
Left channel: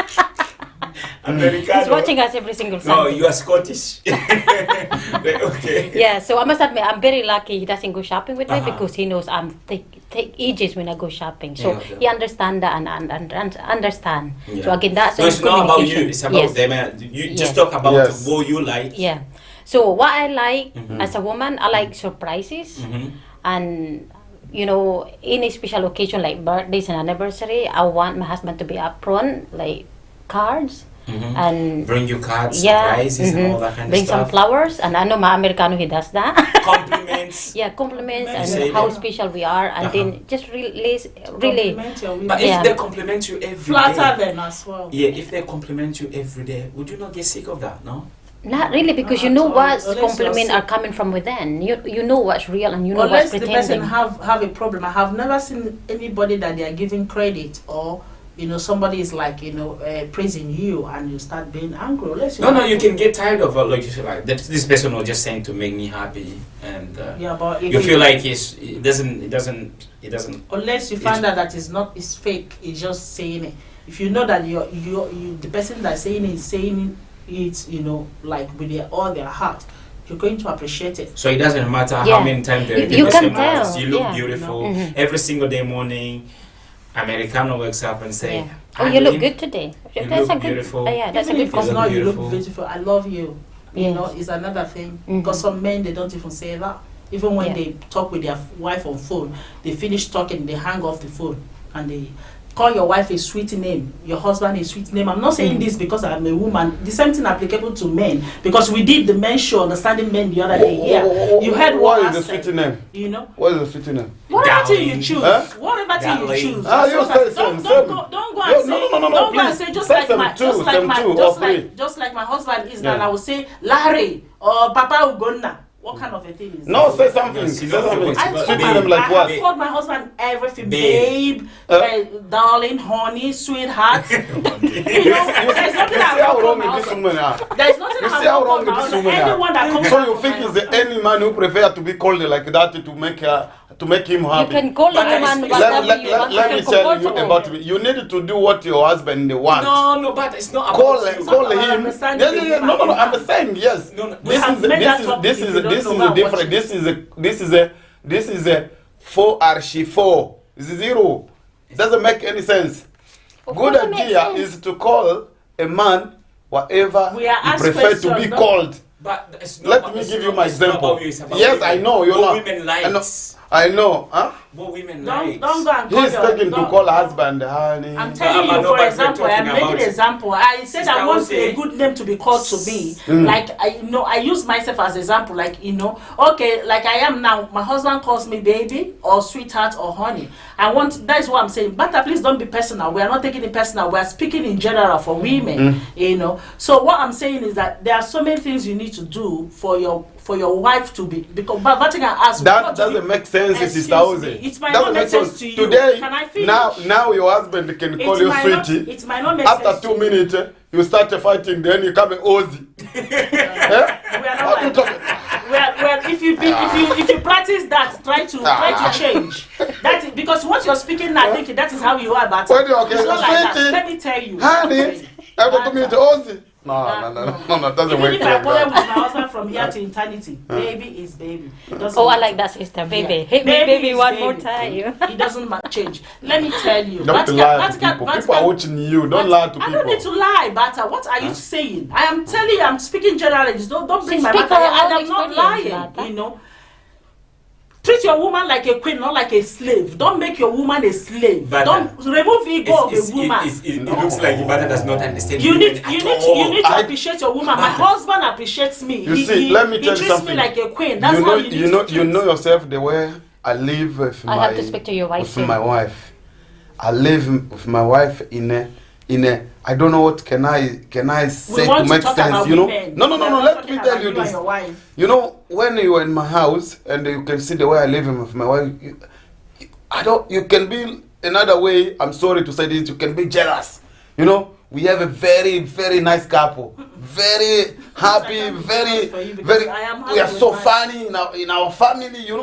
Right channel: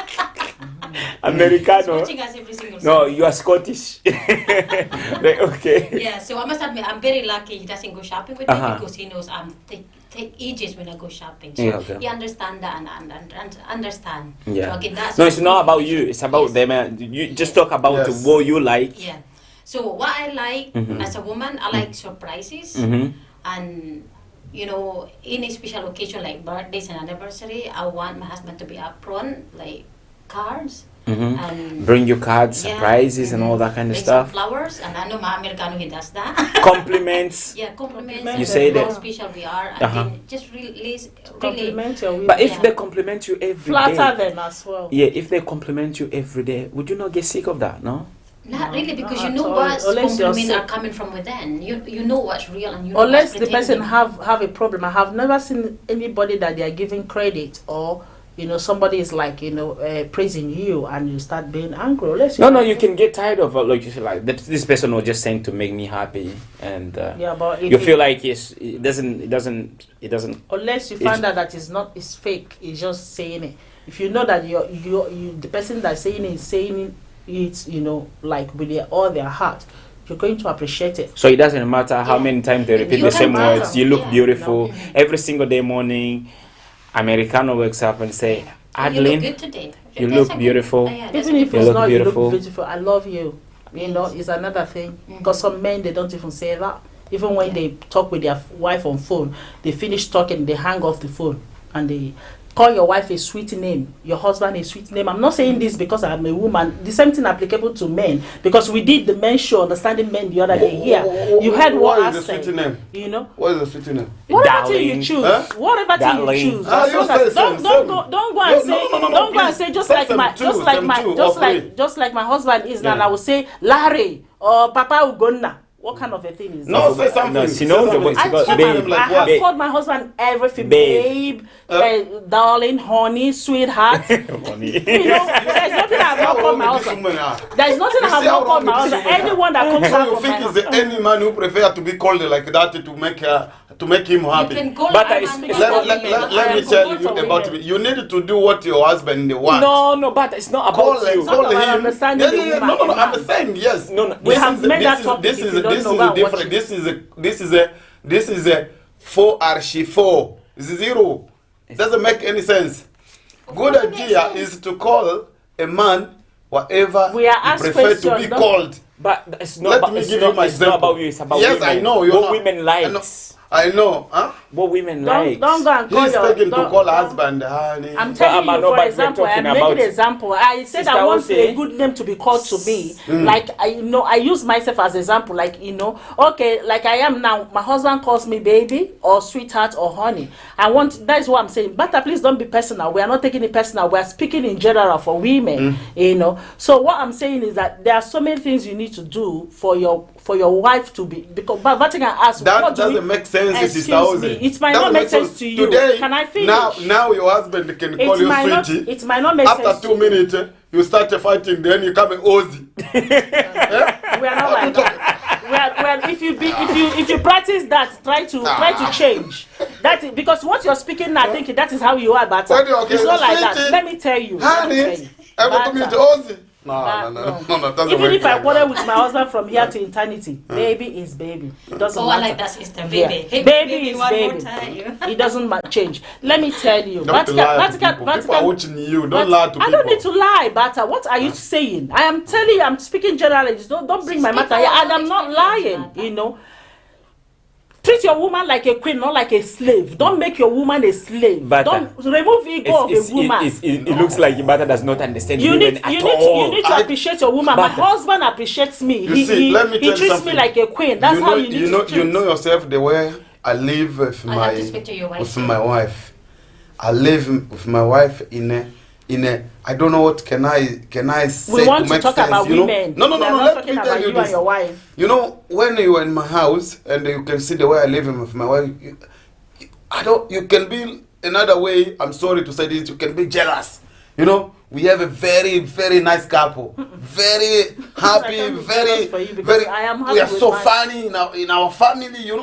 Americano. He's watching us every single No, Sunday. you are Scottish. Right, okay. Yeah, so I must admit, I'm very lucky he doesn't go shopping with me Uh-huh. because he knows I'm take ages when I go shopping. So Yeah, okay. he understand that and understand. Yeah. So again, that's No, it's not about you. communication. It's about Yes. them. You just Yes. talk about Yes. what you like. Yeah. So what I like Mhm. as a woman, I like surprises Mm-hmm. and any special occasion like birthdays and anniversary, I want my husband to be upfront, like cards Mm-hmm. and Bring you cards, yeah, surprises, and mhm. all that kind bring of some stuff. flowers, and I know my Americano he does that. Compliments. Yeah, compliments You say and how that. special we are, and Uh-huh. then just really. Compliment your women. But if Yeah. they compliment you every Flatter day, them as well. yeah, if they compliment you every day, would you not get sick of that? No. Not really, because Not you know at all. what Unless you're compliments are sick. coming from within. You know what's real and you know Unless what's the person pretending. have a problem. I have never seen anybody that they are giving credit or somebody is like, praising you and you start being angry. Unless No, you can get tired of like you feel like this person was just saying to make me happy, and but if you feel like it doesn't. Unless you find out that it's fake, it's just saying it. If you know that the person that's saying it is saying it, like with all their heart, you're going to appreciate it. So it doesn't matter how many times the You person can tell. moves, you look Yeah. beautiful every single day morning. Americano wakes up and say, Yeah. Oh, you look good today. You That's look a good- beautiful. yeah, that's Even a if good it's look not, you beautiful. look beautiful. I love you. Yes. Is another thing. Because some men, they don't even say that. Even when Yeah. they talk with their wife on phone, they finish talking, they hang off the phone, and they call your wife a sweet name, your husband a sweet name. I'm not saying this because I'm a woman. The same thing applicable to men, because we did the men show, Understanding Men, the other day here. You heard what What I is the said. sweet name? What is the sweet name? Whatever thing you Darling. choose, Huh? whatever thing you Darling. choose. Ah, As you long say as- some, don't go and No, say, no, don't go and please. say just Say like some my, two, just like some my, two just or like, three. just like my husband is now. Yeah. And I will say Larry or Papa Ugonna. What kind of a thing is No, that? say something. No, Say she knows something. what I Because told babe, my, them like I what? have called my husband everything, Babe. darling, honey, sweetheart. There's nothing I See how have called wrong my this husband. woman are. There's nothing You I have see how not wrong called my this husband. woman are. Anyone that comes So out you from think my is there husband. any man who prefer to be called like that to make him You happy? can call But a it's- man it's whatever not- you Let want. me You can tell call you for about him. me. You need to do what your husband want. No, but it's not about Call you. him, call about him. understanding the woman No, and I'm man. saying yes. No, We have made that topic. This If is you don't this know, is go a and different. watch This is a 4 archi 4. It's 0. Doesn't make any sense. Of Good course it makes idea sense. is to call a man whatever We are he asked prefer to be questions, don't- called. But it's not Let about, me it's give not, you my it's not example. about you, it's about Yes, women. I know. You're what not. women I know. likes. I know. Huh? What women Don't likes. go and call He's your. taking to don't- call husband, honey. I'm telling But you, no, for but we're example, talking I'm making about- an example. I said I Sister want Ose. a good name to be called to me. Like I use myself as example. Like okay, like I am now. My husband calls me baby or sweetheart or honey. That's what I'm saying. But please don't be personal. We are not taking it personal. We are speaking in general for women. So what I'm saying is that there are so many things you need to do for your wife to be, because but Vatican asks That what do we- doesn't make sense, Excuse Sister Ozzy. me, it might Doesn't not make sense to you. Today, Can I finish? now your husband can call you might not- sweetie. it might not make After sense 2 to you. minutes, you start fighting. Then you come Ozzy. We are not like that. If you practice that, try to change. That is, because what you're speaking now, I think that is how you are, but When you're it's not like that. sweetie, Let me tell you. Honey, I go to meet Ozzy. No, doesn't Even work if I like quarrel that. with my husband from here to eternity, baby is baby. It doesn't Oh, I matter. like that, sister. Baby. Yeah. Hit me, Baby baby, is one baby. more time. It doesn't change. Let me tell you. Don't lie to people. People are watching you. Don't lie to I don't need people. to lie, Bata. What are you saying? I am telling you, I'm speaking generally. Don't bring She my speak matter here. her And own I'm not experience, lying, Bata. Treat your woman like a queen, not like a slave. Don't make your woman a slave. Bata. Don't remove ego of a woman. It looks like Ibata does not understand You women need at you all. need to I- appreciate your woman. My Bata. husband appreciates me. You see, let me he tell you treats something. me like a queen. That's how you need to treat. You know yourself the way I live with I have to speak to your wife with too. my wife. I live with my wife in a I don't know what can I say We want to to make talk sense. about No, women. no. We are not Let talking me about tell you and this. your wife. You know, when you are in my house and you can see the way I live with my wife, you can be another way. I'm sorry to say this. You can be jealous. We have a very, very nice couple. Very happy, I can't be very, jealous for you because very. I am We are happy with so mine. funny in our family, and you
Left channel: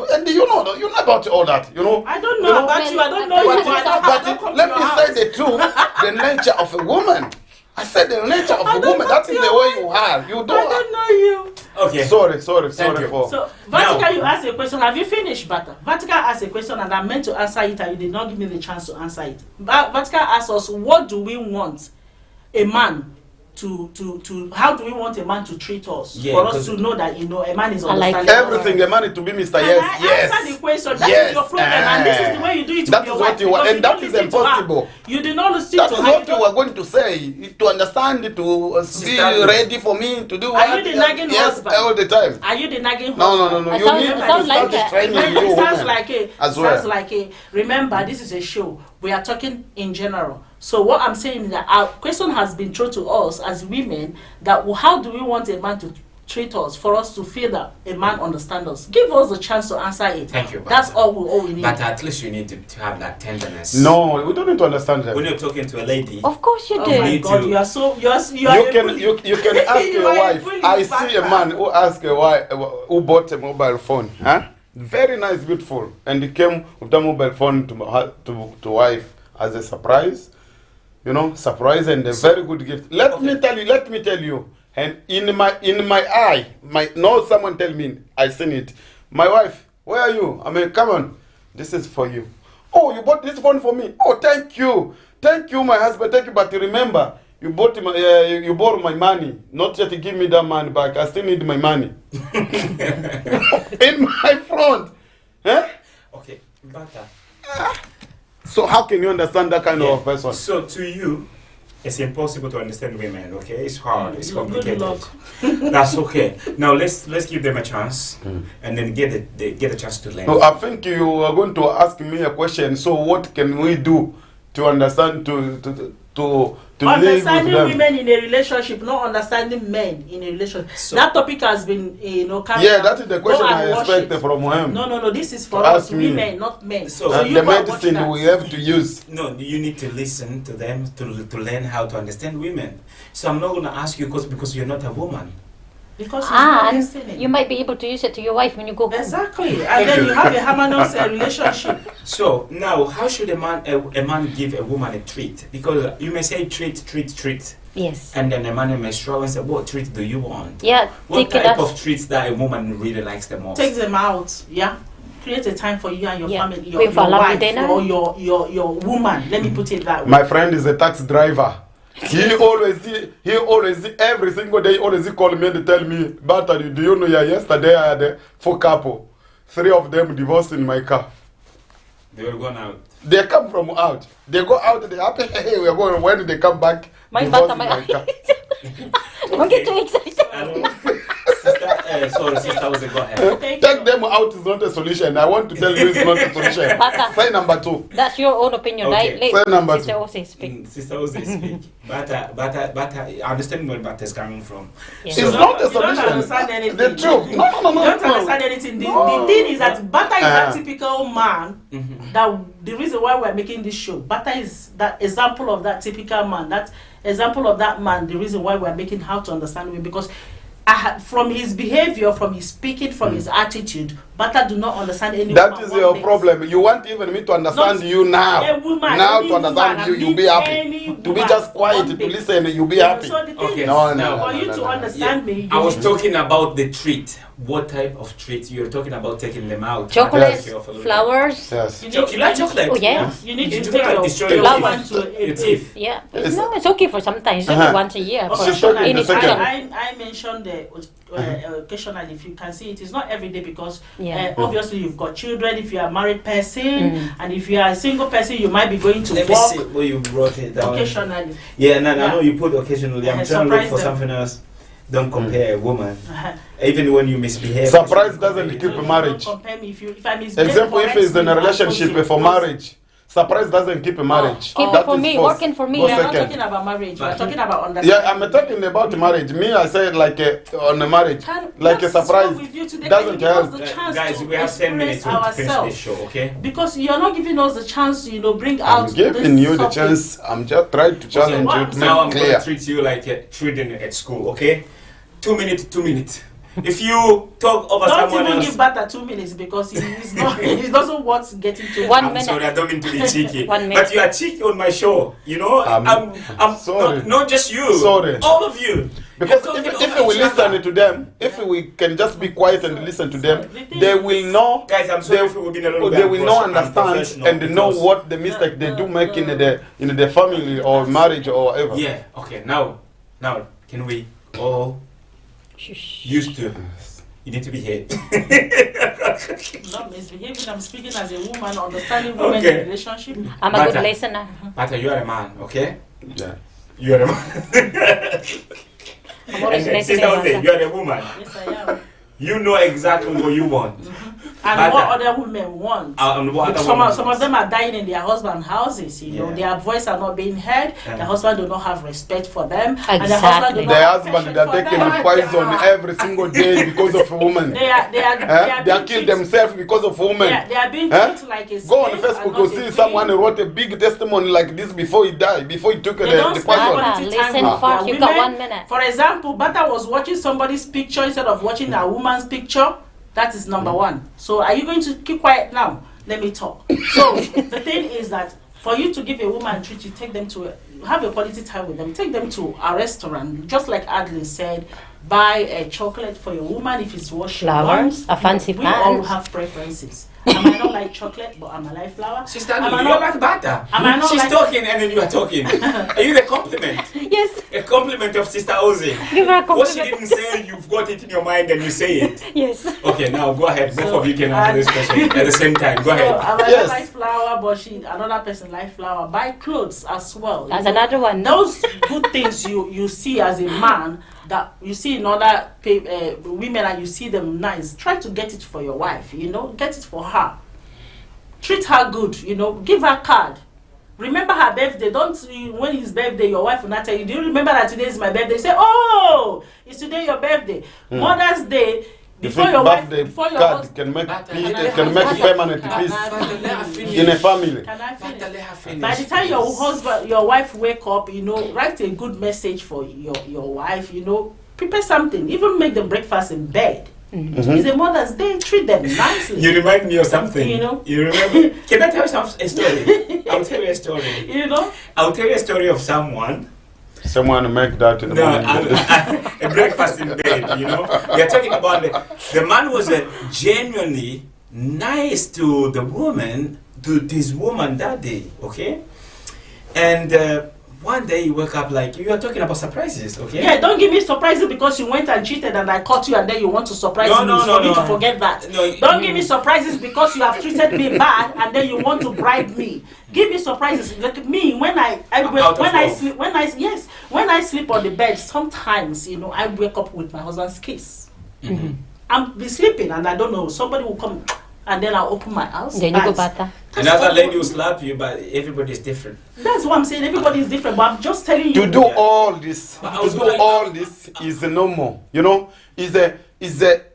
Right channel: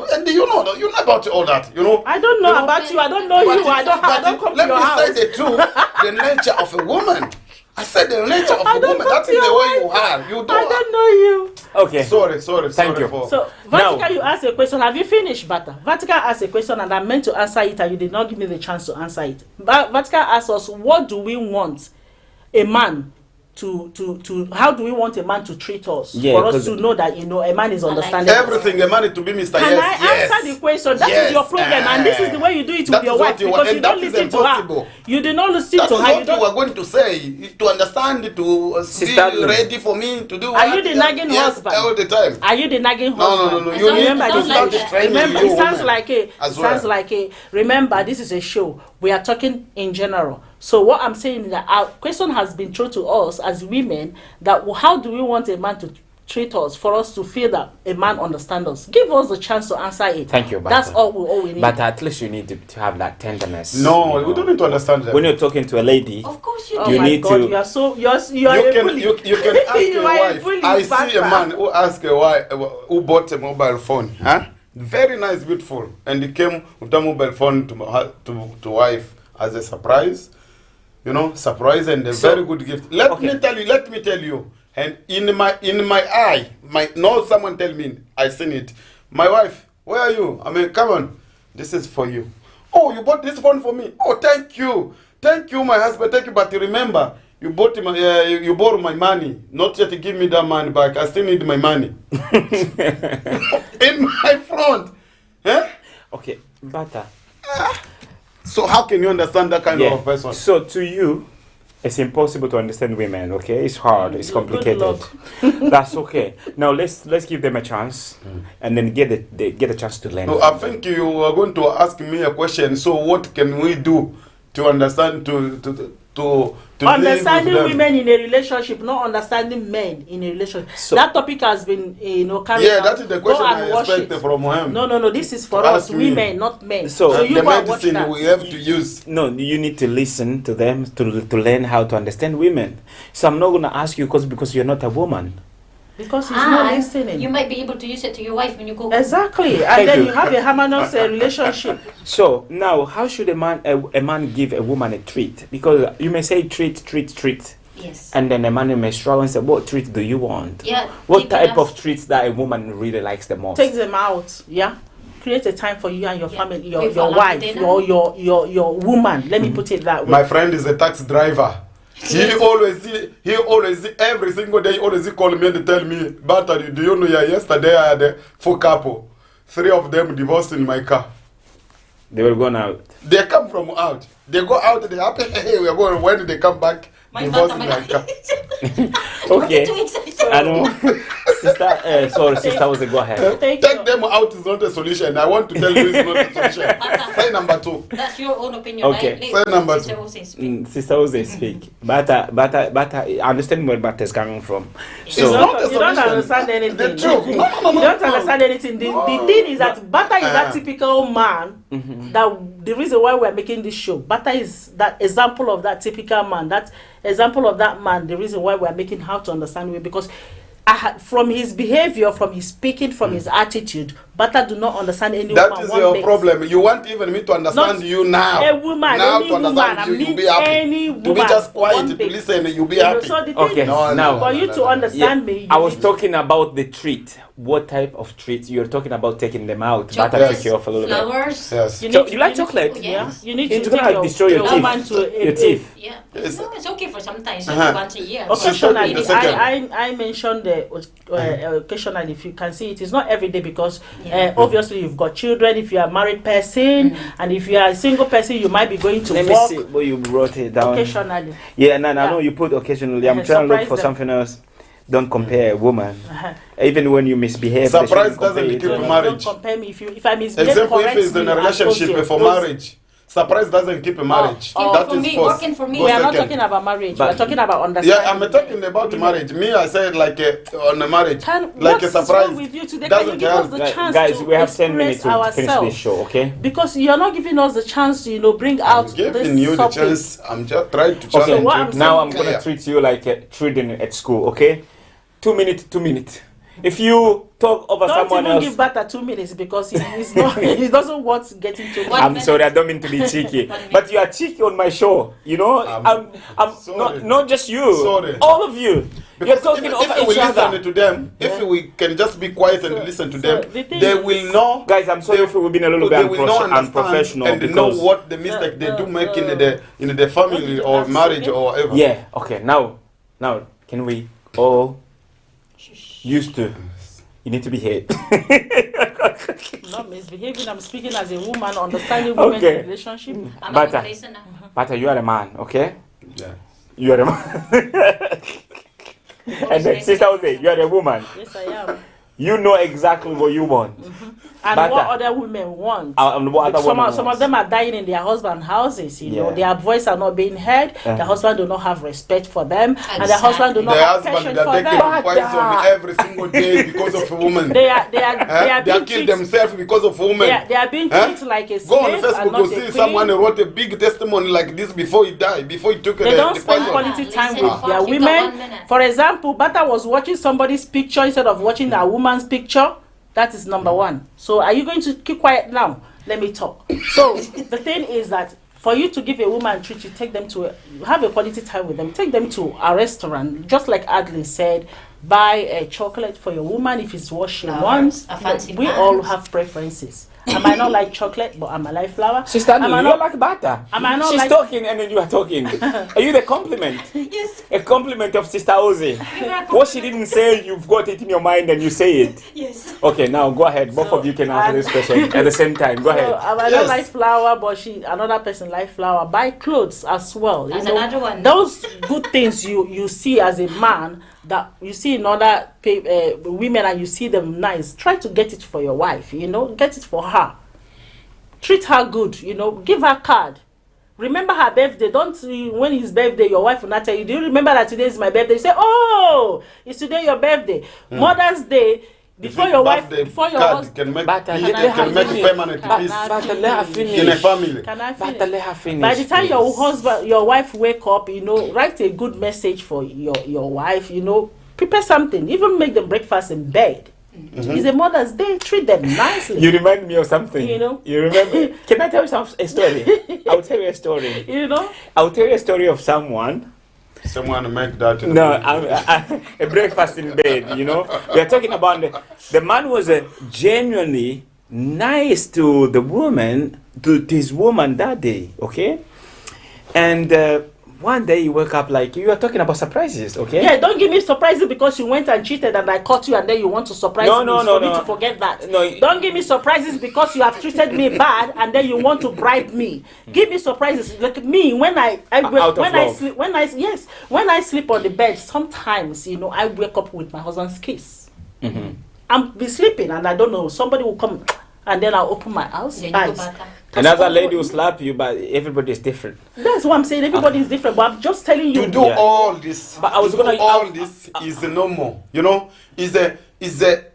know about all that, I don't know about you. I don't know you. I don't come to let your me house. say the truth, the nature of a woman. I said the nature of I a don't woman. come That to is the your way house. you are. You I don't. don't know you. Okay. Sorry Thank you. for. So, Now- Vatican, you asked a question. Have you finished, Bata? Vatican asked a question and I meant to answer it and you did not give me the chance to answer it. Vatican asked us, what do we want a man to how do we want a man to treat us? Yeah, for us 'cause- to know that, a man is I like understanding. Everything a man to be Mr. Can Yes, I yes. answer the question? That is Yes, your problem, and this is the way you do it that with your is what wife you because want, you and don't that is listen to impossible. her. You do not listen That to is her. what you are going to say. To understand, to be Sister- ready for me to do. Are what- you the nagging yes, husband? all the time. Are you the nagging No. husband? You sounds- need it to sounds start like the that. training Remember, you it sounds women like a. as Sounds well. like a. Remember, this is a show. We are talking in general. So what I'm saying is that our question has been thrown to us as women that how do we want a man to treat us for us to feel that a man understands us? Give us the chance to answer it. Thank you, That's Bata. all we need. But at least you need to have that tenderness. No, we don't need to understand that. When you're talking to a lady, Of course you Oh do. You my need God, to- you are so you are You a can bully. you can ask You your are a wife. bully, I see a Bata. man who asked a wife who bought a mobile phone, huh? Very nice, beautiful, and he came with the mobile phone to wife as a surprise. You know, surprise and a very good gift. Let me tell you. And in my eye, someone tell me I seen it. My wife, where are you? I mean, come on, this is for you. Oh, you bought this phone for me. Oh, thank you, my husband, thank you. But remember, you you borrow my money, not yet to give me that money back. I still need my money in my front. Huh? okay, Bata. So how can you understand that kind Yeah. of person? So to you, it's impossible to understand women. Okay, it's hard. It's Good complicated. luck. That's okay. Now let's give them a chance, and then get a chance to learn. No, I think you are going to ask me a question. So what can we do to understand to live with Understanding them? women in a relationship, not understanding men in a relationship. So- That topic has been, carried Yeah, out. that is the Go question and I watch expect it. from him. No. This is for To us, ask me. women, not men. So- So you the go and watch medicine that. we have to use. No, you need to listen to them to learn how to understand women. So I'm not gonna ask you because you're not a woman. Because he's not And listening. you might be able to use it to your wife when you go home. Exactly, and then you have a harmonious relationship. So now, how should a man give a woman a treat? Because you may say treat, Yes. and then a man may struggle and say, "What treat do you want? Yeah. What take it type as- of treats that a woman really likes the most?" Take them out, yeah. Create a time for you and your Yeah. family, Go your for a lovely wife, dinner. or your woman. Let me put it that way. My friend is a taxi driver. He always every single day always call me and tell me, "But do you know? Yeah, yesterday I had 4 couple, 3 of them divorced in my car. They were going out. They come from out. They go out. They happy. Hey, we are going. When they come back, My divorced father, in my- my car. Don't get too excited. I know. Sister, was go ahead. Take Take them out is not a solution. I want to tell you it's not a solution. Bata. Say number 2. That's your own opinion, Okay. right? Say number Sister two. Ose, speak. Sister Ose speak. But I understand where Bata is coming from. Yeah. It's not a You don't solution. understand anything. The truth. No. You don't understand anything. The thing is that Bata is that Uh-huh. typical man. That the reason why we're making this show, Bata is that example of that typical man. That example of that man. The reason why we're making how to understand him, because from his behavior, from his speaking, from his attitude, Bata do not understand any That woman is one your bit. problem. You want even me to understand Not you now. a woman, now any to understand woman, you, I you'll mean be happy. any To be woman, just quiet, one to bit. listen, you'll be You know, happy. so the thing Okay, is, No, no, for you to understand me, I you was need talking about the treat. What type of treat? You're talking about taking them out. Chocolates, Back off a little bit. flowers. Yes. You You like chocolate? Oh, yes. You need It's to good take to your, destroy your that teeth. man to Your teeth. Yeah. It's- No, it's okay for sometimes. Uh-huh. Only once a year. for occasionally. the second. I mentioned the occasionally, if you can see it, it's not every day because Yeah. obviously you've got children. If you are a married person and if you are a single person, you might be going to Let me work see where you brought it down. occasionally. Yeah, and I Yeah. know you put occasionally. I'm trying to look Surprise for them. something else. Don't compare a woman. Uh-huh. Even when you misbehave. Surprise they shouldn't doesn't compare you keep to- a marriage. Don't compare me if I misbehave. Example, if correct it's in me a as relationship opposite. for marriage, surprise doesn't keep a marriage. Keep That for is me, false. working for me. Go We are not second. talking about marriage. We But- are talking about understanding. Yeah, I'm talking about marriage. Me, I said like on a marriage, like a What's wrong surprise with you today? Can you doesn't give us help. the Guys, chance guys, to we have 10 minutes express to finish ourselves? this show, okay? Because you're not giving us the chance to, bring I'm out giving this you the topic. chance. I'm just trying to challenge what you I'm to Now I'm make going clear. to treat you like a children at school, okay? 2 minutes, 2 minutes. If you talk over Don't someone even else, give Bata 2 minutes because he's not. He doesn't want getting to. One I'm minute. sorry, I don't mean to be cheeky, 1 minute. but you are cheeky on my show. You know, I'm sorry. not just you. Sorry. All of you. Because You're if, talking if over we each other. listen to them, if we can just be quiet and listen to them, the thing they is- will know. Guys, I'm sorry they, if we've been a little bit they will know, unprofessional understand, and they know because- what the mistake they do make in the family or marriage or whatever. Yeah. Okay. Now, can we all used to? You need to be hit. Not misbehaving. I'm speaking as a woman, understanding women Okay. in relationship. I'm a good Bata. listener. But you are a man, okay? Yeah. You are a man. I'm always And then, listening. sister, Bata. you are a woman. Yes, I am. You know exactly what you want. And But, what other women want. And what other Some women of want. them are dying in their husband houses, you know. Yeah. Their voice are not being heard. Yeah. The husband do not have respect for them. And the Exactly. husband do not The have husband passion that for they them. can poison every single day because of a woman. They are They being kill treated- themselves because of women. they are being Huh? treated like a slave. Go on and Facebook, not you a see queen. someone who wrote a big testimony like this before he died, before he took They the don't spend poison. quality Listen, time with fuck, their you got 1 women. minute. For example, Bata was watching somebody's picture instead of watching a woman's picture. That is number one. So are you going to keep quiet now? Let me talk. So the thing is that for you to give a woman a treat, you take them to have a quality time with them. Take them to a restaurant, just like Adeline said. Buy a chocolate for your woman if it's what she Flowers, wants. a fancy We all pants. have preferences. I might not like chocolate, but I might like flower. Sister, I you might don't not like butter. I might not She's like- talking and then you are talking. Are you the compliment? Yes, A compliment of Sister Ozzy. give her a What she compliment. didn't say, you've got it in your mind and you say it. Yes. Okay, now go ahead. Both So, of you can answer this question at the same time. Go So ahead. I might Yes. not like flower, but another person like flower. Buy clothes as well. That's another one. Those good things you see as a man that you see in other women and you see them nice. Try to get it for your wife. You know, get it for her. Treat her good. You know, give her card. Remember her birthday. Don't when it's birthday, your wife will not tell you. Do you remember that today is my birthday? You say, oh, it's today your birthday. Mother's Day. Before your wife, before your card husband. can make Butter. can make permanent Can peace I Let her finish. in a family. Can I finish? Butter, let her finish. By the time your please. husband, your wife wake up, you know, write a good message for your wife, you know, prepare something, even make them breakfast in bed. It's a Mother's Day, treat them nicely. You remind me of something. You know? You remember? Can I tell you a story? I'll tell you a story. You know? I'll tell you a story of someone. Someone make that in the No, morning. a breakfast in bed, you know. We're talking about the man was genuinely nice to the woman, to his woman that day, okay? And one day you wake up like, you are talking about surprises, okay? Yeah, don't give me surprises because you went and cheated and I caught you and then you want to surprise No, me no, for no, me no. to forget that. No, Don't give me surprises because you have treated me bad and then you want to bribe me. Give me surprises. Like me, when I Out of when I love. sleep when I sleep on the bed, sometimes you know I wake up with my husband's kiss. I'm be sleeping and I don't know, somebody will come and then I'll open my house. Then you go eyes. butter. Another lady will slap you, but everybody is different. That's what I'm saying. Everybody is different, but I'm just telling you. To do Yeah. all this, But I was to do gonna- all this is normal. You know, is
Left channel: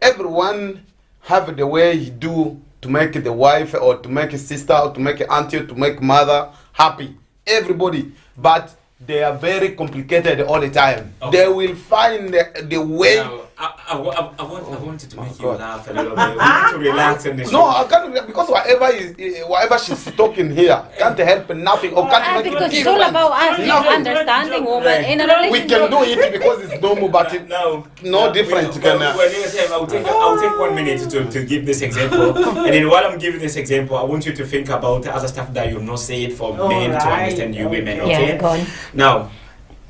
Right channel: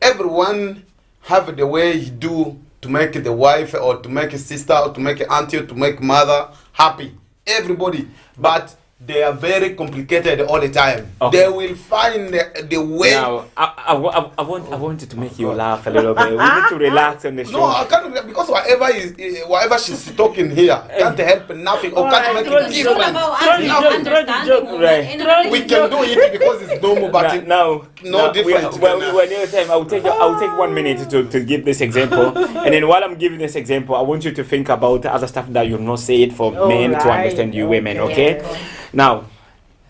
everyone have the way he do to make the wife or to make a sister or to make an auntie or to make mother happy. Everybody, but they are very complicated all the time. Okay. They will find the way. Now, I wanted to make you God. laugh a little bit. We need to relax on the show. No, I can't because whatever she's talking here can't help nothing or can't make Because it it's all different. about us Nothing. understanding women Right. in a We relationship. can do it because it's normal, but it, no, no different We, can, when you time, I'll take 1 minute to give this example, and then while I'm giving this example, I want you to think about the other stuff that you've not said for men to Alright, understand you okay. women. Yeah, Okay. go on. Now,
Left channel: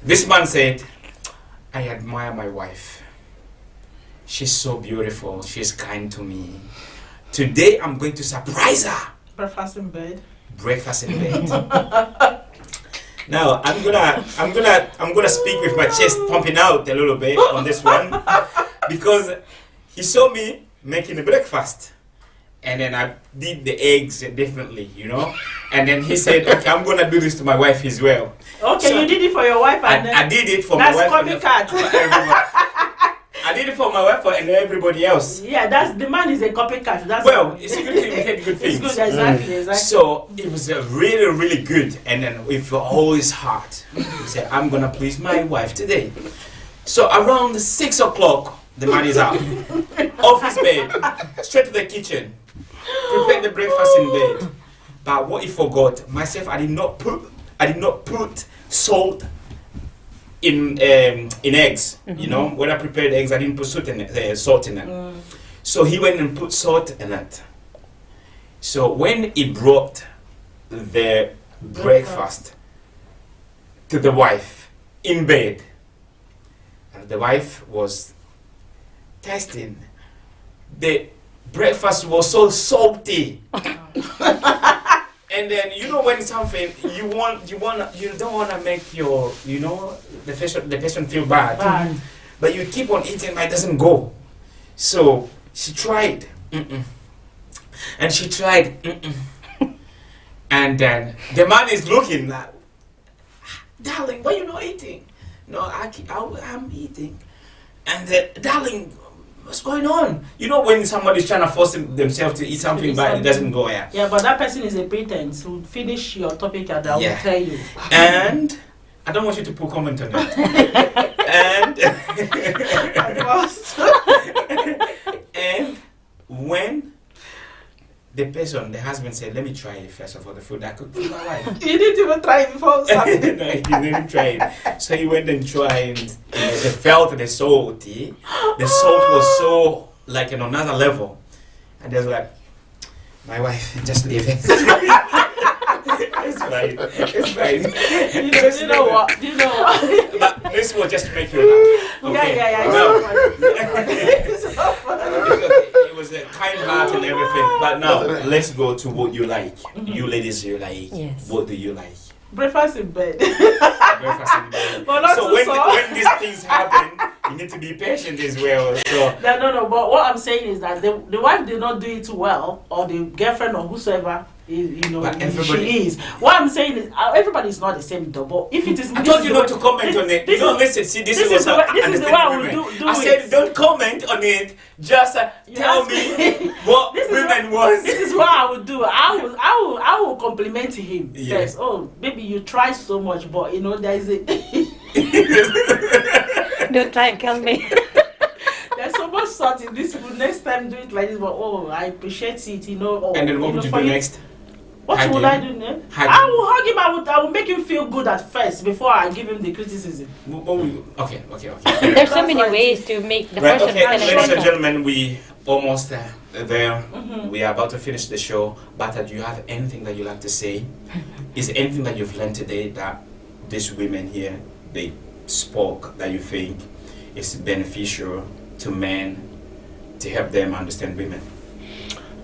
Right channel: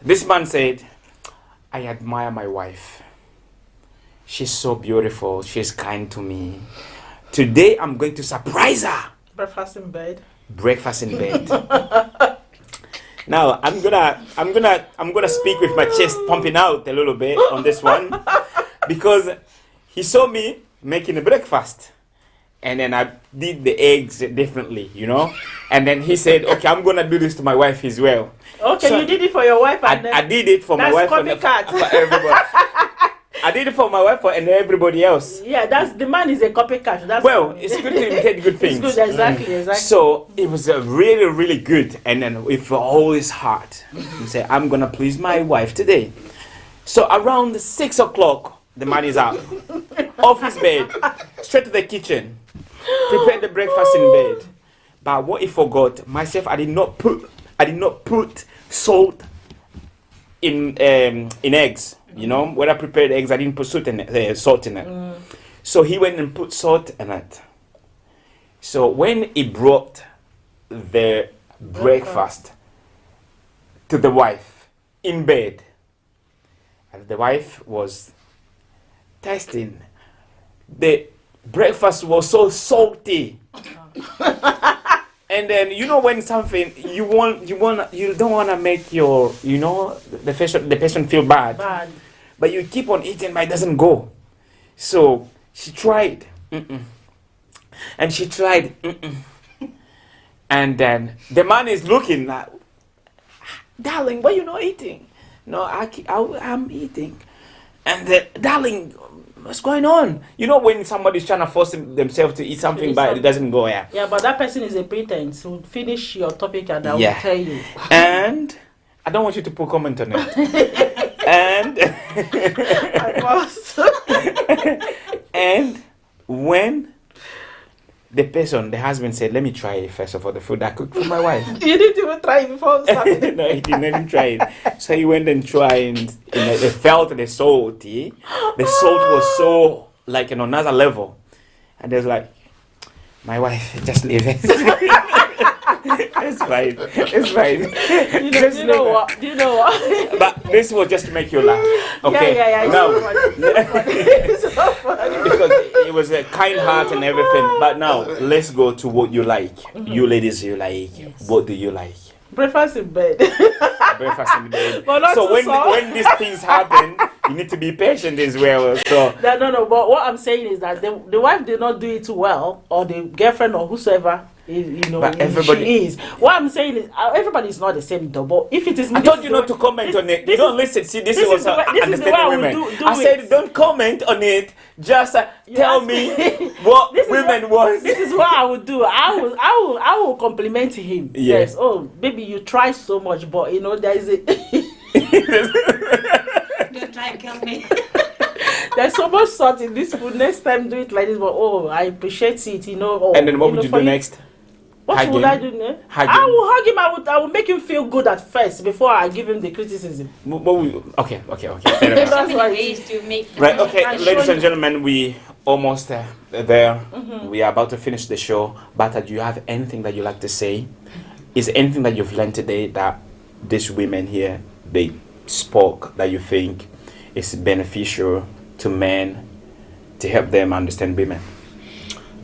this man said, "I admire my wife. She's so beautiful. She's kind to me. Today, I'm going to surprise her." Breakfast in bed. Breakfast in bed. Now I'm gonna speak with my chest pumping out a little bit on this one because he saw me making the breakfast and then I did the eggs differently, you know. And then he said, "Okay, I'm gonna do this to my wife as well." Okay, So, you did it for your wife and I did it for my that's wife and copycat. for everybody. I did it for my wife and everybody else. yeah, that's the man is a copycat. That's Well, it's a good thing we said good things. It's good, exactly. So it was really, really good. And then with all his heart, he said, "I'm going to please my wife today." So around 6 o'clock, the man is out off his bed, straight to the kitchen, prepared the breakfast in bed. But what he forgot, myself, I did not put salt in eggs. You know, when I prepared eggs, I didn't put salt in it. So he went and put salt in it. So when he brought the breakfast to the wife in bed, and the wife was tasting, the breakfast was so salty. And then you know when something you don't want to make your the person feel bad, bad. but you keep on eating, but it doesn't go. So she tried, and she tried, and then the man is looking like, darling, why you not eating? No, I'm eating. And darling, what's going on? You know when somebody's trying to force themselves to eat something, but it doesn't go. Yeah, but that person is a pretense. Who finish your topic and I will tell you. And I don't want you to put comment on it. And and when the husband said, "Let me try first of all the food I cooked for my wife." You didn't even try it before Saturday. No, he didn't even try it. So he went and tried, and they felt the salt. The salt was so like on another level, and there's like, my wife, just leave it. It's fine. It's fine. Do you know what? But this will just make you laugh. Okay? Yeah. It's so funny. Because it was a kind heart and everything. But now let's go to what you like. You ladies, you like. Yes. What do you like? Breakfast in bed. Breakfast in bed. But not so too soft. when these things happen, you need to be patient as well. So No. But what I'm saying is that the wife did not do it well, or the girlfriend or whosoever. But everybody, she is. What I'm saying is, everybody is not the same, though. But if it is, I told you not to comment on it. You don't listen. See, this is the way I will do I said, it. don't comment on it. Just tell me what women was. This is what I would do. I will compliment him. Yeah. Yes. Oh, baby, you try so much, but there is a. Don't try and kill me. There's so much salt in this food. Next time, do it like this. But I appreciate it. Oh, and then what would you do next? What would I do next? I will hug him. I will make him feel good at first before I give him the criticism. Okay. There's so many ways to make the person okay, feel ladies and important. gentlemen, we almost there. We are about to finish the show. But do you have anything that you like to say? Is there anything that you've learned today that these women here, they spoke, that you think is beneficial to men to help them understand women?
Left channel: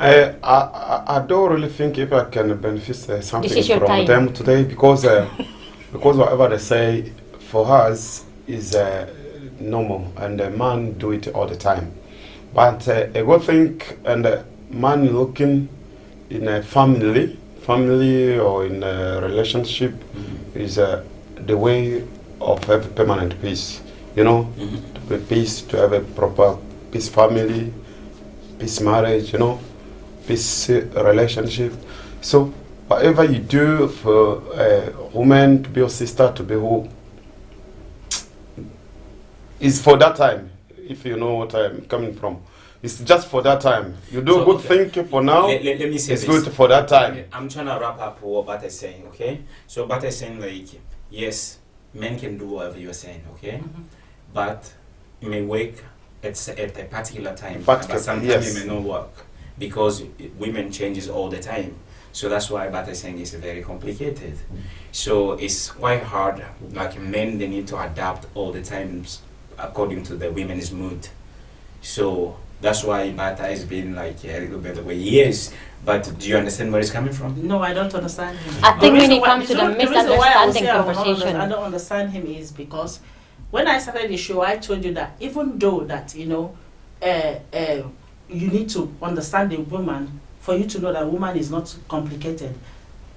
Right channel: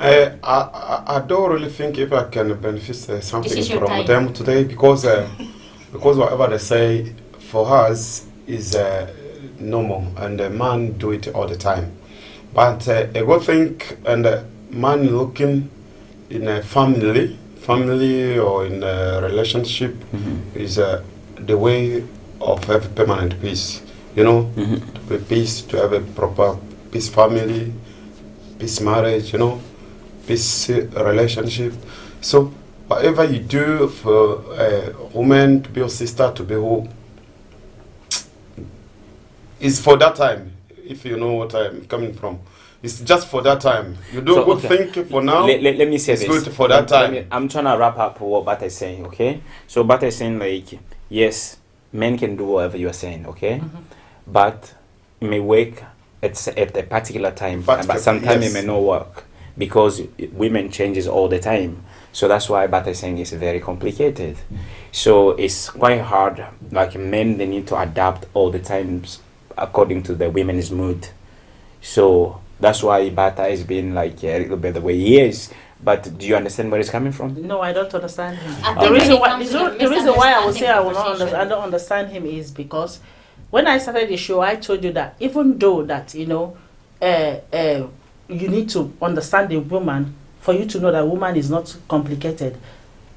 I don't really think if I can benefit something from time. them today, because whatever they say for us is normal, and a man do it all the time. But a good thing, and a man looking in a family or in a relationship is the way of have permanent peace. To be peace, to have a proper peace family, peace marriage, peace relationship. So whatever you do for a woman to be your sister, to be who, is for that time. If you know what I'm coming from, it's just for that time. You do a good thing for now. Let me say it's this. good for that time. I'm trying to wrap up what Bata is saying. Okay, so Bata is saying like, yes, men can do whatever you are saying. Okay, but it may work at a particular time, but sometimes it may not work, because women changes all the time. So that's why Bata is saying it's very complicated. So it's quite hard. Like men, they need to adapt all the times according to the women's mood. So that's why Bata has been like a little bit the way he is. But do you understand where it's coming from? No, I don't understand him. I think when it comes to the reason why I would say misunderstanding I don't understand him is because when I started the show, I told you that even though that you need to understand the woman for you to know that woman is not complicated.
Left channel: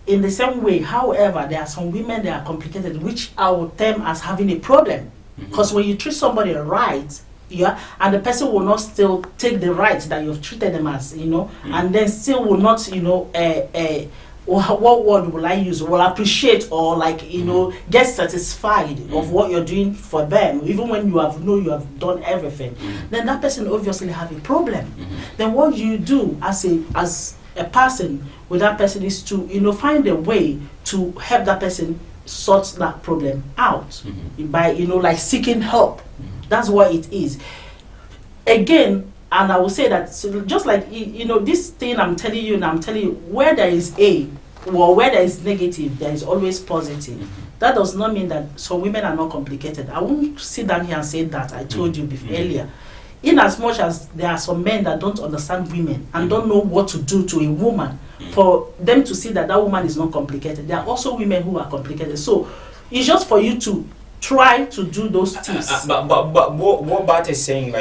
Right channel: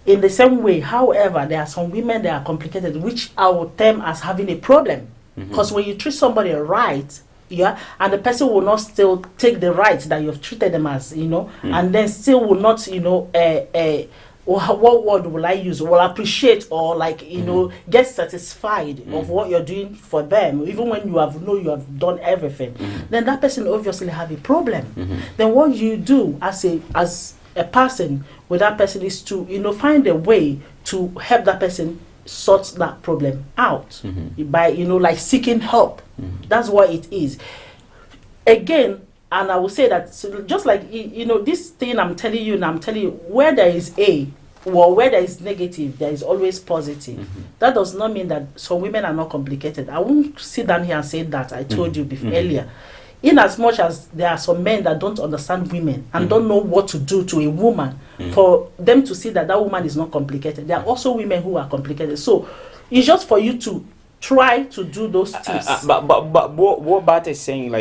In the same way, however, there are some women that are complicated, which I would term as having a problem. Because when you treat somebody right, and the person will not still take the right that you've treated them as, and then still will not, what word will I use? Will appreciate or get satisfied of what you're doing for them, even when you have done everything. Then that person obviously have a problem. Then what you do as a person with that person is to find a way to help that person sort that problem out by seeking help. That's what it is. Again, and I will say that just like this thing I'm telling you, and I'm telling you, where there is A or where there is negative, there is always positive. That does not mean that some women are not complicated. I won't sit down here and say that. I told you before earlier. In as much as there are some men that don't understand women and don't know what to do to a woman for them to see that woman is not complicated, there are also women who are complicated. So it's just for you to try to do those things. But what Bart is saying,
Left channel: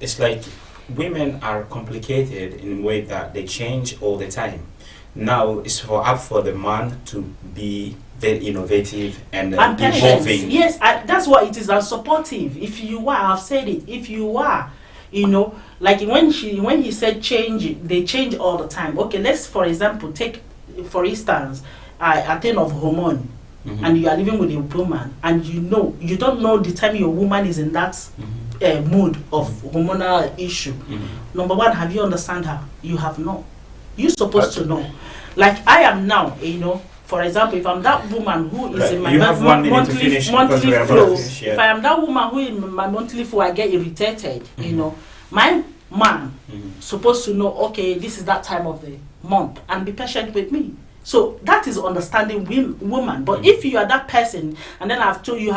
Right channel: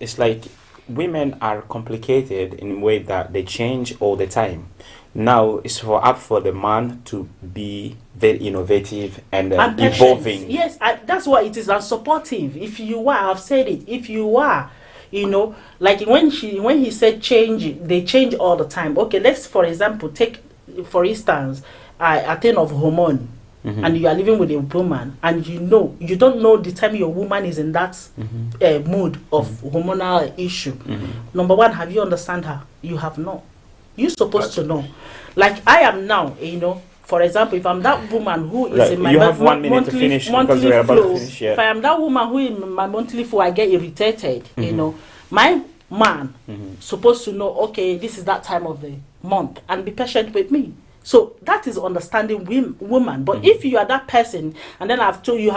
it's like women are complicated in a way that they change all the time. Now it's up for the man to be very innovative and And patience. evolving. Yes, that's what it is. And supportive. If you are, I've said it. If you are, you know, like when he said change, they change all the time. Okay, let's for example take, for instance, a thing of hormone. And you are living with a woman, and you don't know the time your woman is in that mood of hormonal issue. Number one, have you understand her? You have not. You're supposed to know. Like I am now, you know. For example, if I'm that woman who is Right. in my You have 1 minute to finish because monthly we are about to flow, finish, yeah. if I am that woman who in my monthly flow, I get irritated. You know, my man supposed to know. Okay, this is that time of the month, and be patient with me. So that is understanding woman. But if you are that person, and then I've told you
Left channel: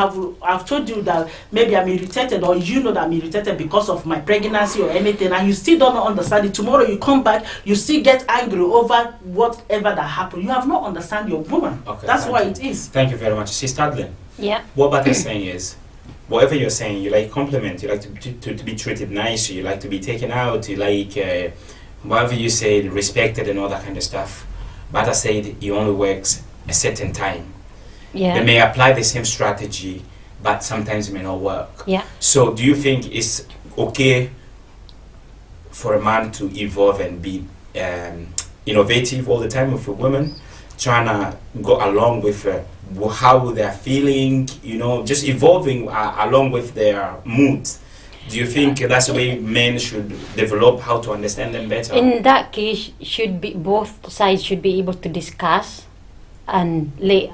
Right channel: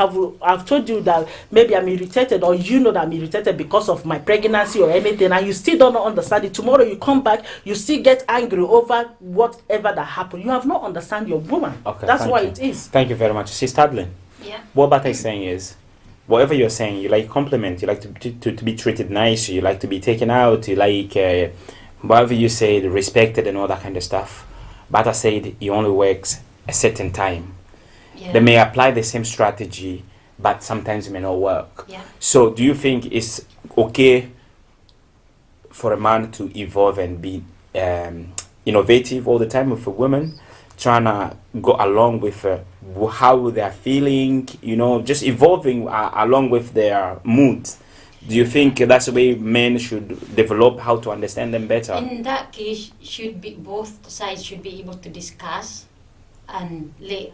that maybe I'm irritated, or you know that I'm irritated because of my pregnancy or anything, and you still don't understand it. Tomorrow you come back, you still get angry over whatever that happened. You have not understand your woman. Okay, That's thank why you. it is. Thank you very much. Sister Adlin, Yeah. what Bata is saying is, whatever you're saying, you like compliment, you like to be treated nice, you like to be taken out, you like whatever you say, respected and all that kind of stuff. Bata said he only works a certain time. Yeah. They may apply the same strategy, but sometimes it may not work. Yeah. So do you think it's okay for a man to evolve and be innovative all the time with a woman, trying to go along with how they're feeling, you know, just evolving along with their mood? Do you think that's the way men should develop, how to understand them better? In that case, both sides should be able to discuss and let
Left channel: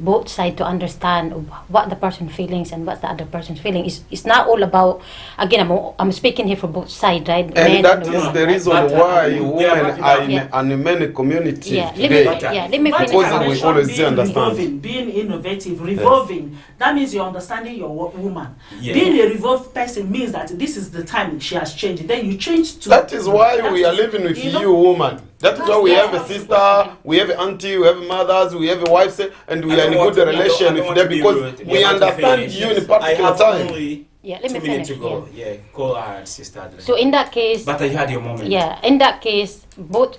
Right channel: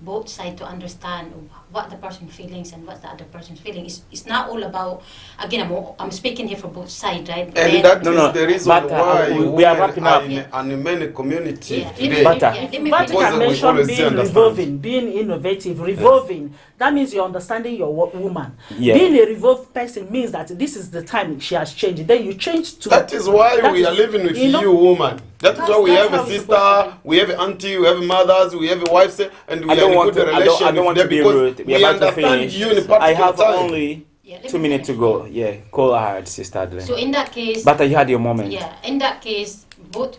both sides to understand what the person's feelings and what the other person's feeling. It's not all about, again, I'm speaking here for both sides, right? And Men that and is women. the reason But, why we are women wrapping are up. in Yeah. an many community Yeah, today. let me But finish. you Because we mentioned always being understand. revolving, being innovative, revolving. That means you're understanding your woman. Yeah. Being a revolved person means that this is the time she has changed. Then you change to. That is why that we is- are living with know, you, woman. That is why we that's have how a it's sister, supposed to we have an auntie, we have mothers, we have a wife, and we I are don't in a want good to- I don't- I relation don't with want them to be because rude. we are about to understand finish. you in a I particular have time. only Yeah, let 2 me minutes to finish, go. Yeah, go ahead, Sister Adlin. So in that case, But you had your moment. yeah, in that case, both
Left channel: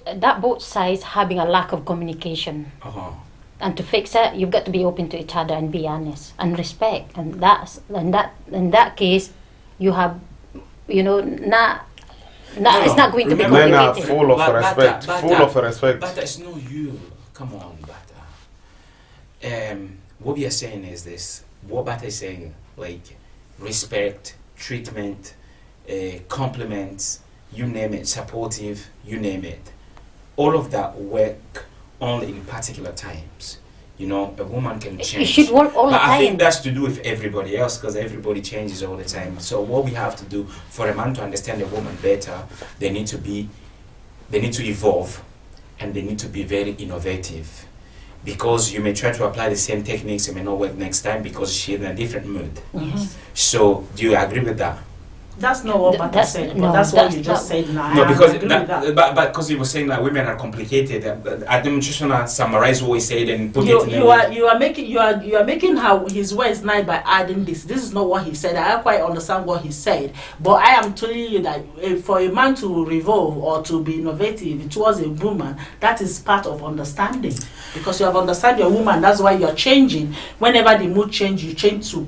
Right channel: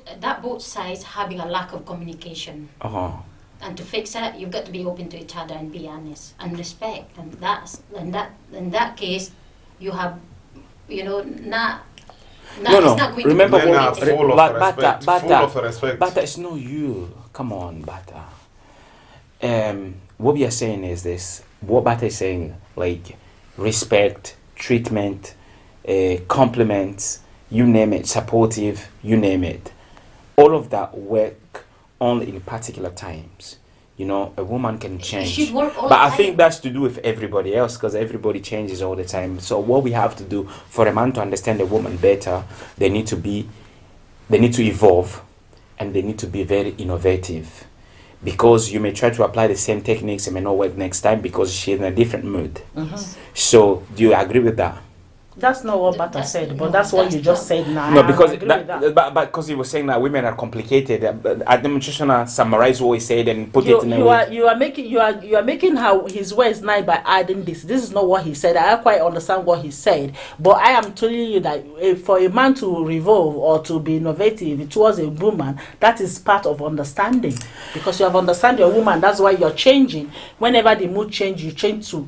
sides having a lack of communication. Uh-huh. And to fix it, you've got to be open to each other and be honest and respect. And in that case, you have, you know, it's not going Remember, to be Men are complicated. full of But- respect, Bata, full of respect. Bata, it's not you. Come on, Bata. What we are saying is this. What Bata is saying, like, respect, treatment, compliments, you name it, supportive, you name it. All of that work only in particular times. You know, a woman can change. It should work all But the time. I think that's to do with everybody else because everybody changes all the time. So what we have to do for a man to understand a woman better, they need to evolve and they need to be very innovative. Because you may try to apply the same techniques, it may not work next time because she's in a different mood. Yes. So do you agree with that? That's not what Bata That's- said, but no, that's what that's you just not- said now. No, I because agree with that. but because he was saying that women are complicated. I'm just trying to summarize what he said and put You, it in you are making how his words nice by adding this. This is not what he said. I quite understand what he said, but I am telling you that for a man to revolve or to be innovative towards a woman, that is part of understanding, because you have understand your woman. That's why you're changing. Whenever the mood change, you change to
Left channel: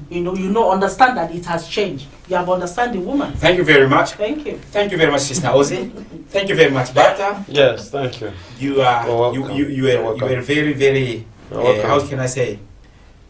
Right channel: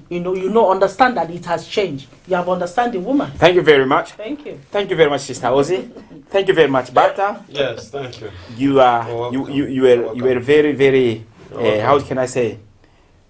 understand that it has changed. You have understand the woman. Thank you very much. Thank you. Thank you very much, Sister Ozzy. Thank you very much, Bata. Yes, thank you. You are You're welcome. you You're were welcome. very very You're welcome. how can I say,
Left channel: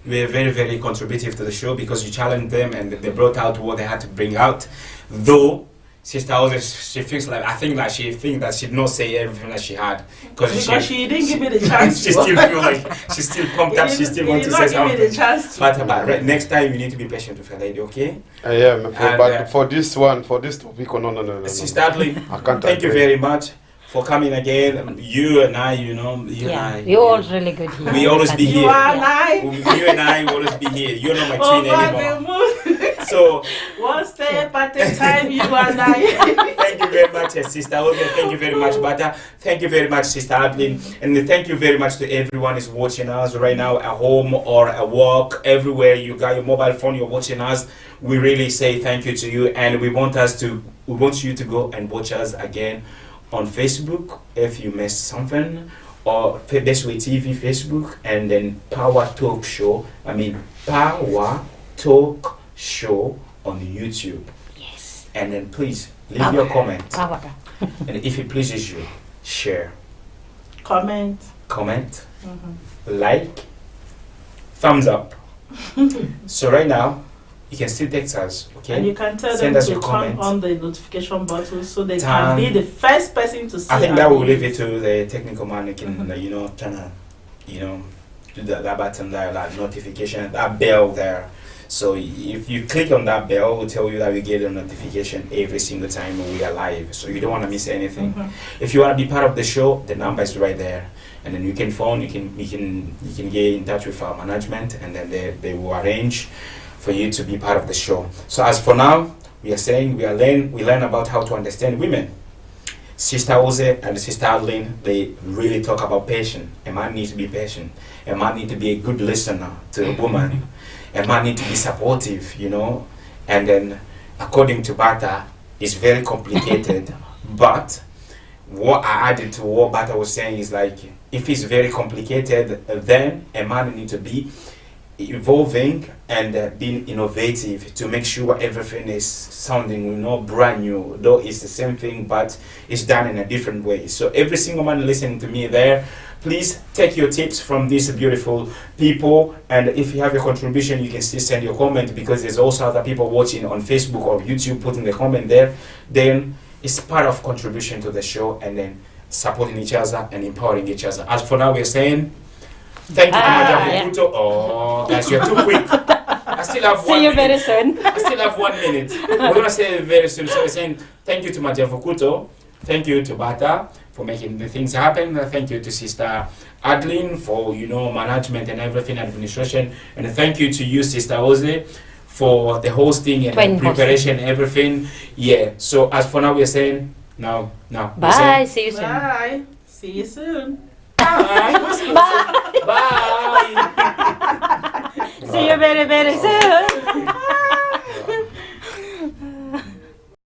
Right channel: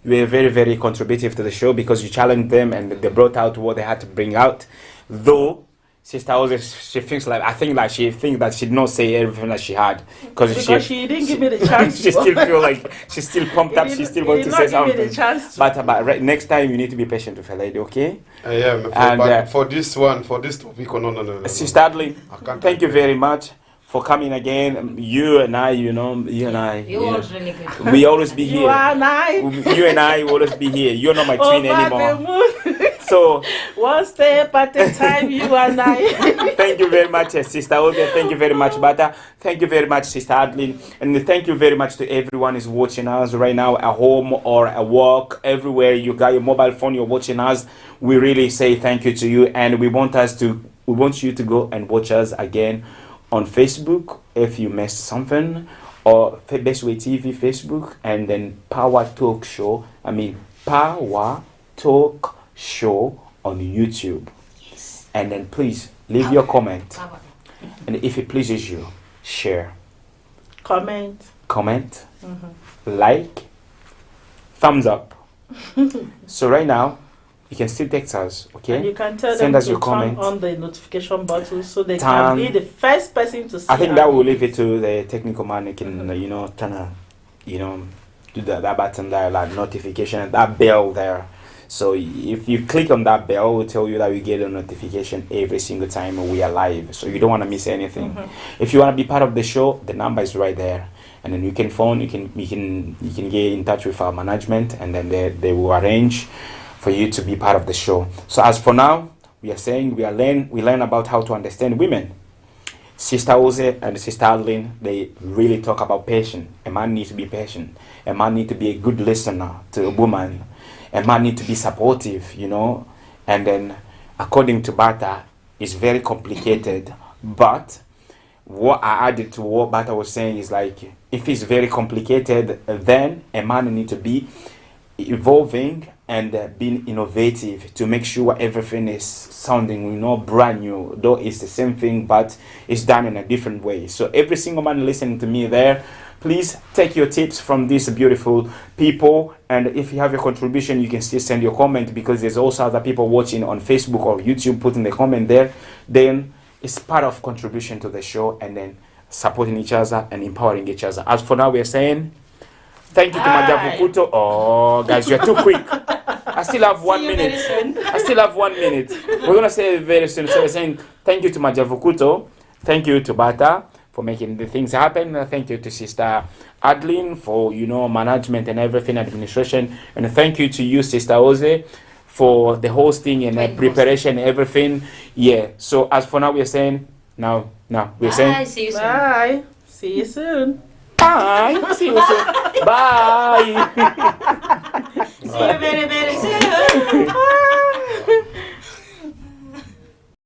you were very very contributive to the show because you challenged them and they brought out what they had to bring out. Though Sister Ozzy, she thinks that she did not say everything that she had Because she didn't give me the chance. she still feel like she's still pumped up. She still wants to say Give me the something. chance to. But next time you need to be patient with a lady, okay? Yeah, And, but for this topic, no. Sister Adley, I can't thank you agree. very much for coming again. You and I, you and I. You're all really good. We always be You here. are nice. You and I will always be here. You're not my Over twin the anymore. moon. So One step at a time, you and I. thank you very much, Sister Ozzy. Thank you very much, Bata. Thank you very much, Sister Adeline. And thank you very much to everyone who's watching us right now at home or at work, everywhere you got your mobile phone, you're watching us. We really say thank you to you, and we want us to we want you to go and watch us again on Facebook if you missed something, or Bestway TV Facebook, and then Power Talk Show. Power Talk Show on YouTube. Yes. And then please leave your comment, Power. and if it pleases you, share, Comment. like, thumbs up. So right now, you can still text us, okay? And you can tell Send them us to your turn comments. on the notification button so they Turn- can be the first person to see. I think our that will videos. leave it to the technical man who can, do that button there, like notification, that bell there. So if you click on that bell, it will tell you that we get a notification every single time we are live. So you don't want to miss anything. If you want to be part of the show, the number is right there, and then you can phone. You can get in touch with our management, and then they will arrange for you to be part of the show. So as for now, we are saying we learn about how to understand women. Sister Ose and Sister Adeline, they really talk about patience. A man needs to be patient. A man needs to be a good listener to a woman. A man needs to be supportive, And then, according to Bata, it's very complicated. But what I added to what Bata was saying is like, if it's very complicated, then a man needs to be evolving and being innovative to make sure everything is sounding brand new, though it's the same thing but it's done in a different way. So every single man listening to me there, please take your tips from these beautiful people, and if you have a contribution you can still send your comment, because there's also other people watching on Facebook or YouTube putting the comment there. Then it's part of contribution to the show, and then supporting each other and empowering each other. As for now, we're saying thank you to Madam Fukuto. Oh, guys, you're too quick. I still have 1 minute. See you very soon. I still have 1 minute. We're going to say it very soon. So we're saying thank you to Madam Fukuto. Thank you to Bata for making the things happen. Thank you to Sister Adeline for, management and everything, administration. And thank you to you, Sister Ose, for the hosting and Twin preparation, everything. Yeah. So as for now, we're saying now. We're Bye. saying, See you soon. Bye. See you soon. bye. Bye. See you very, very soon.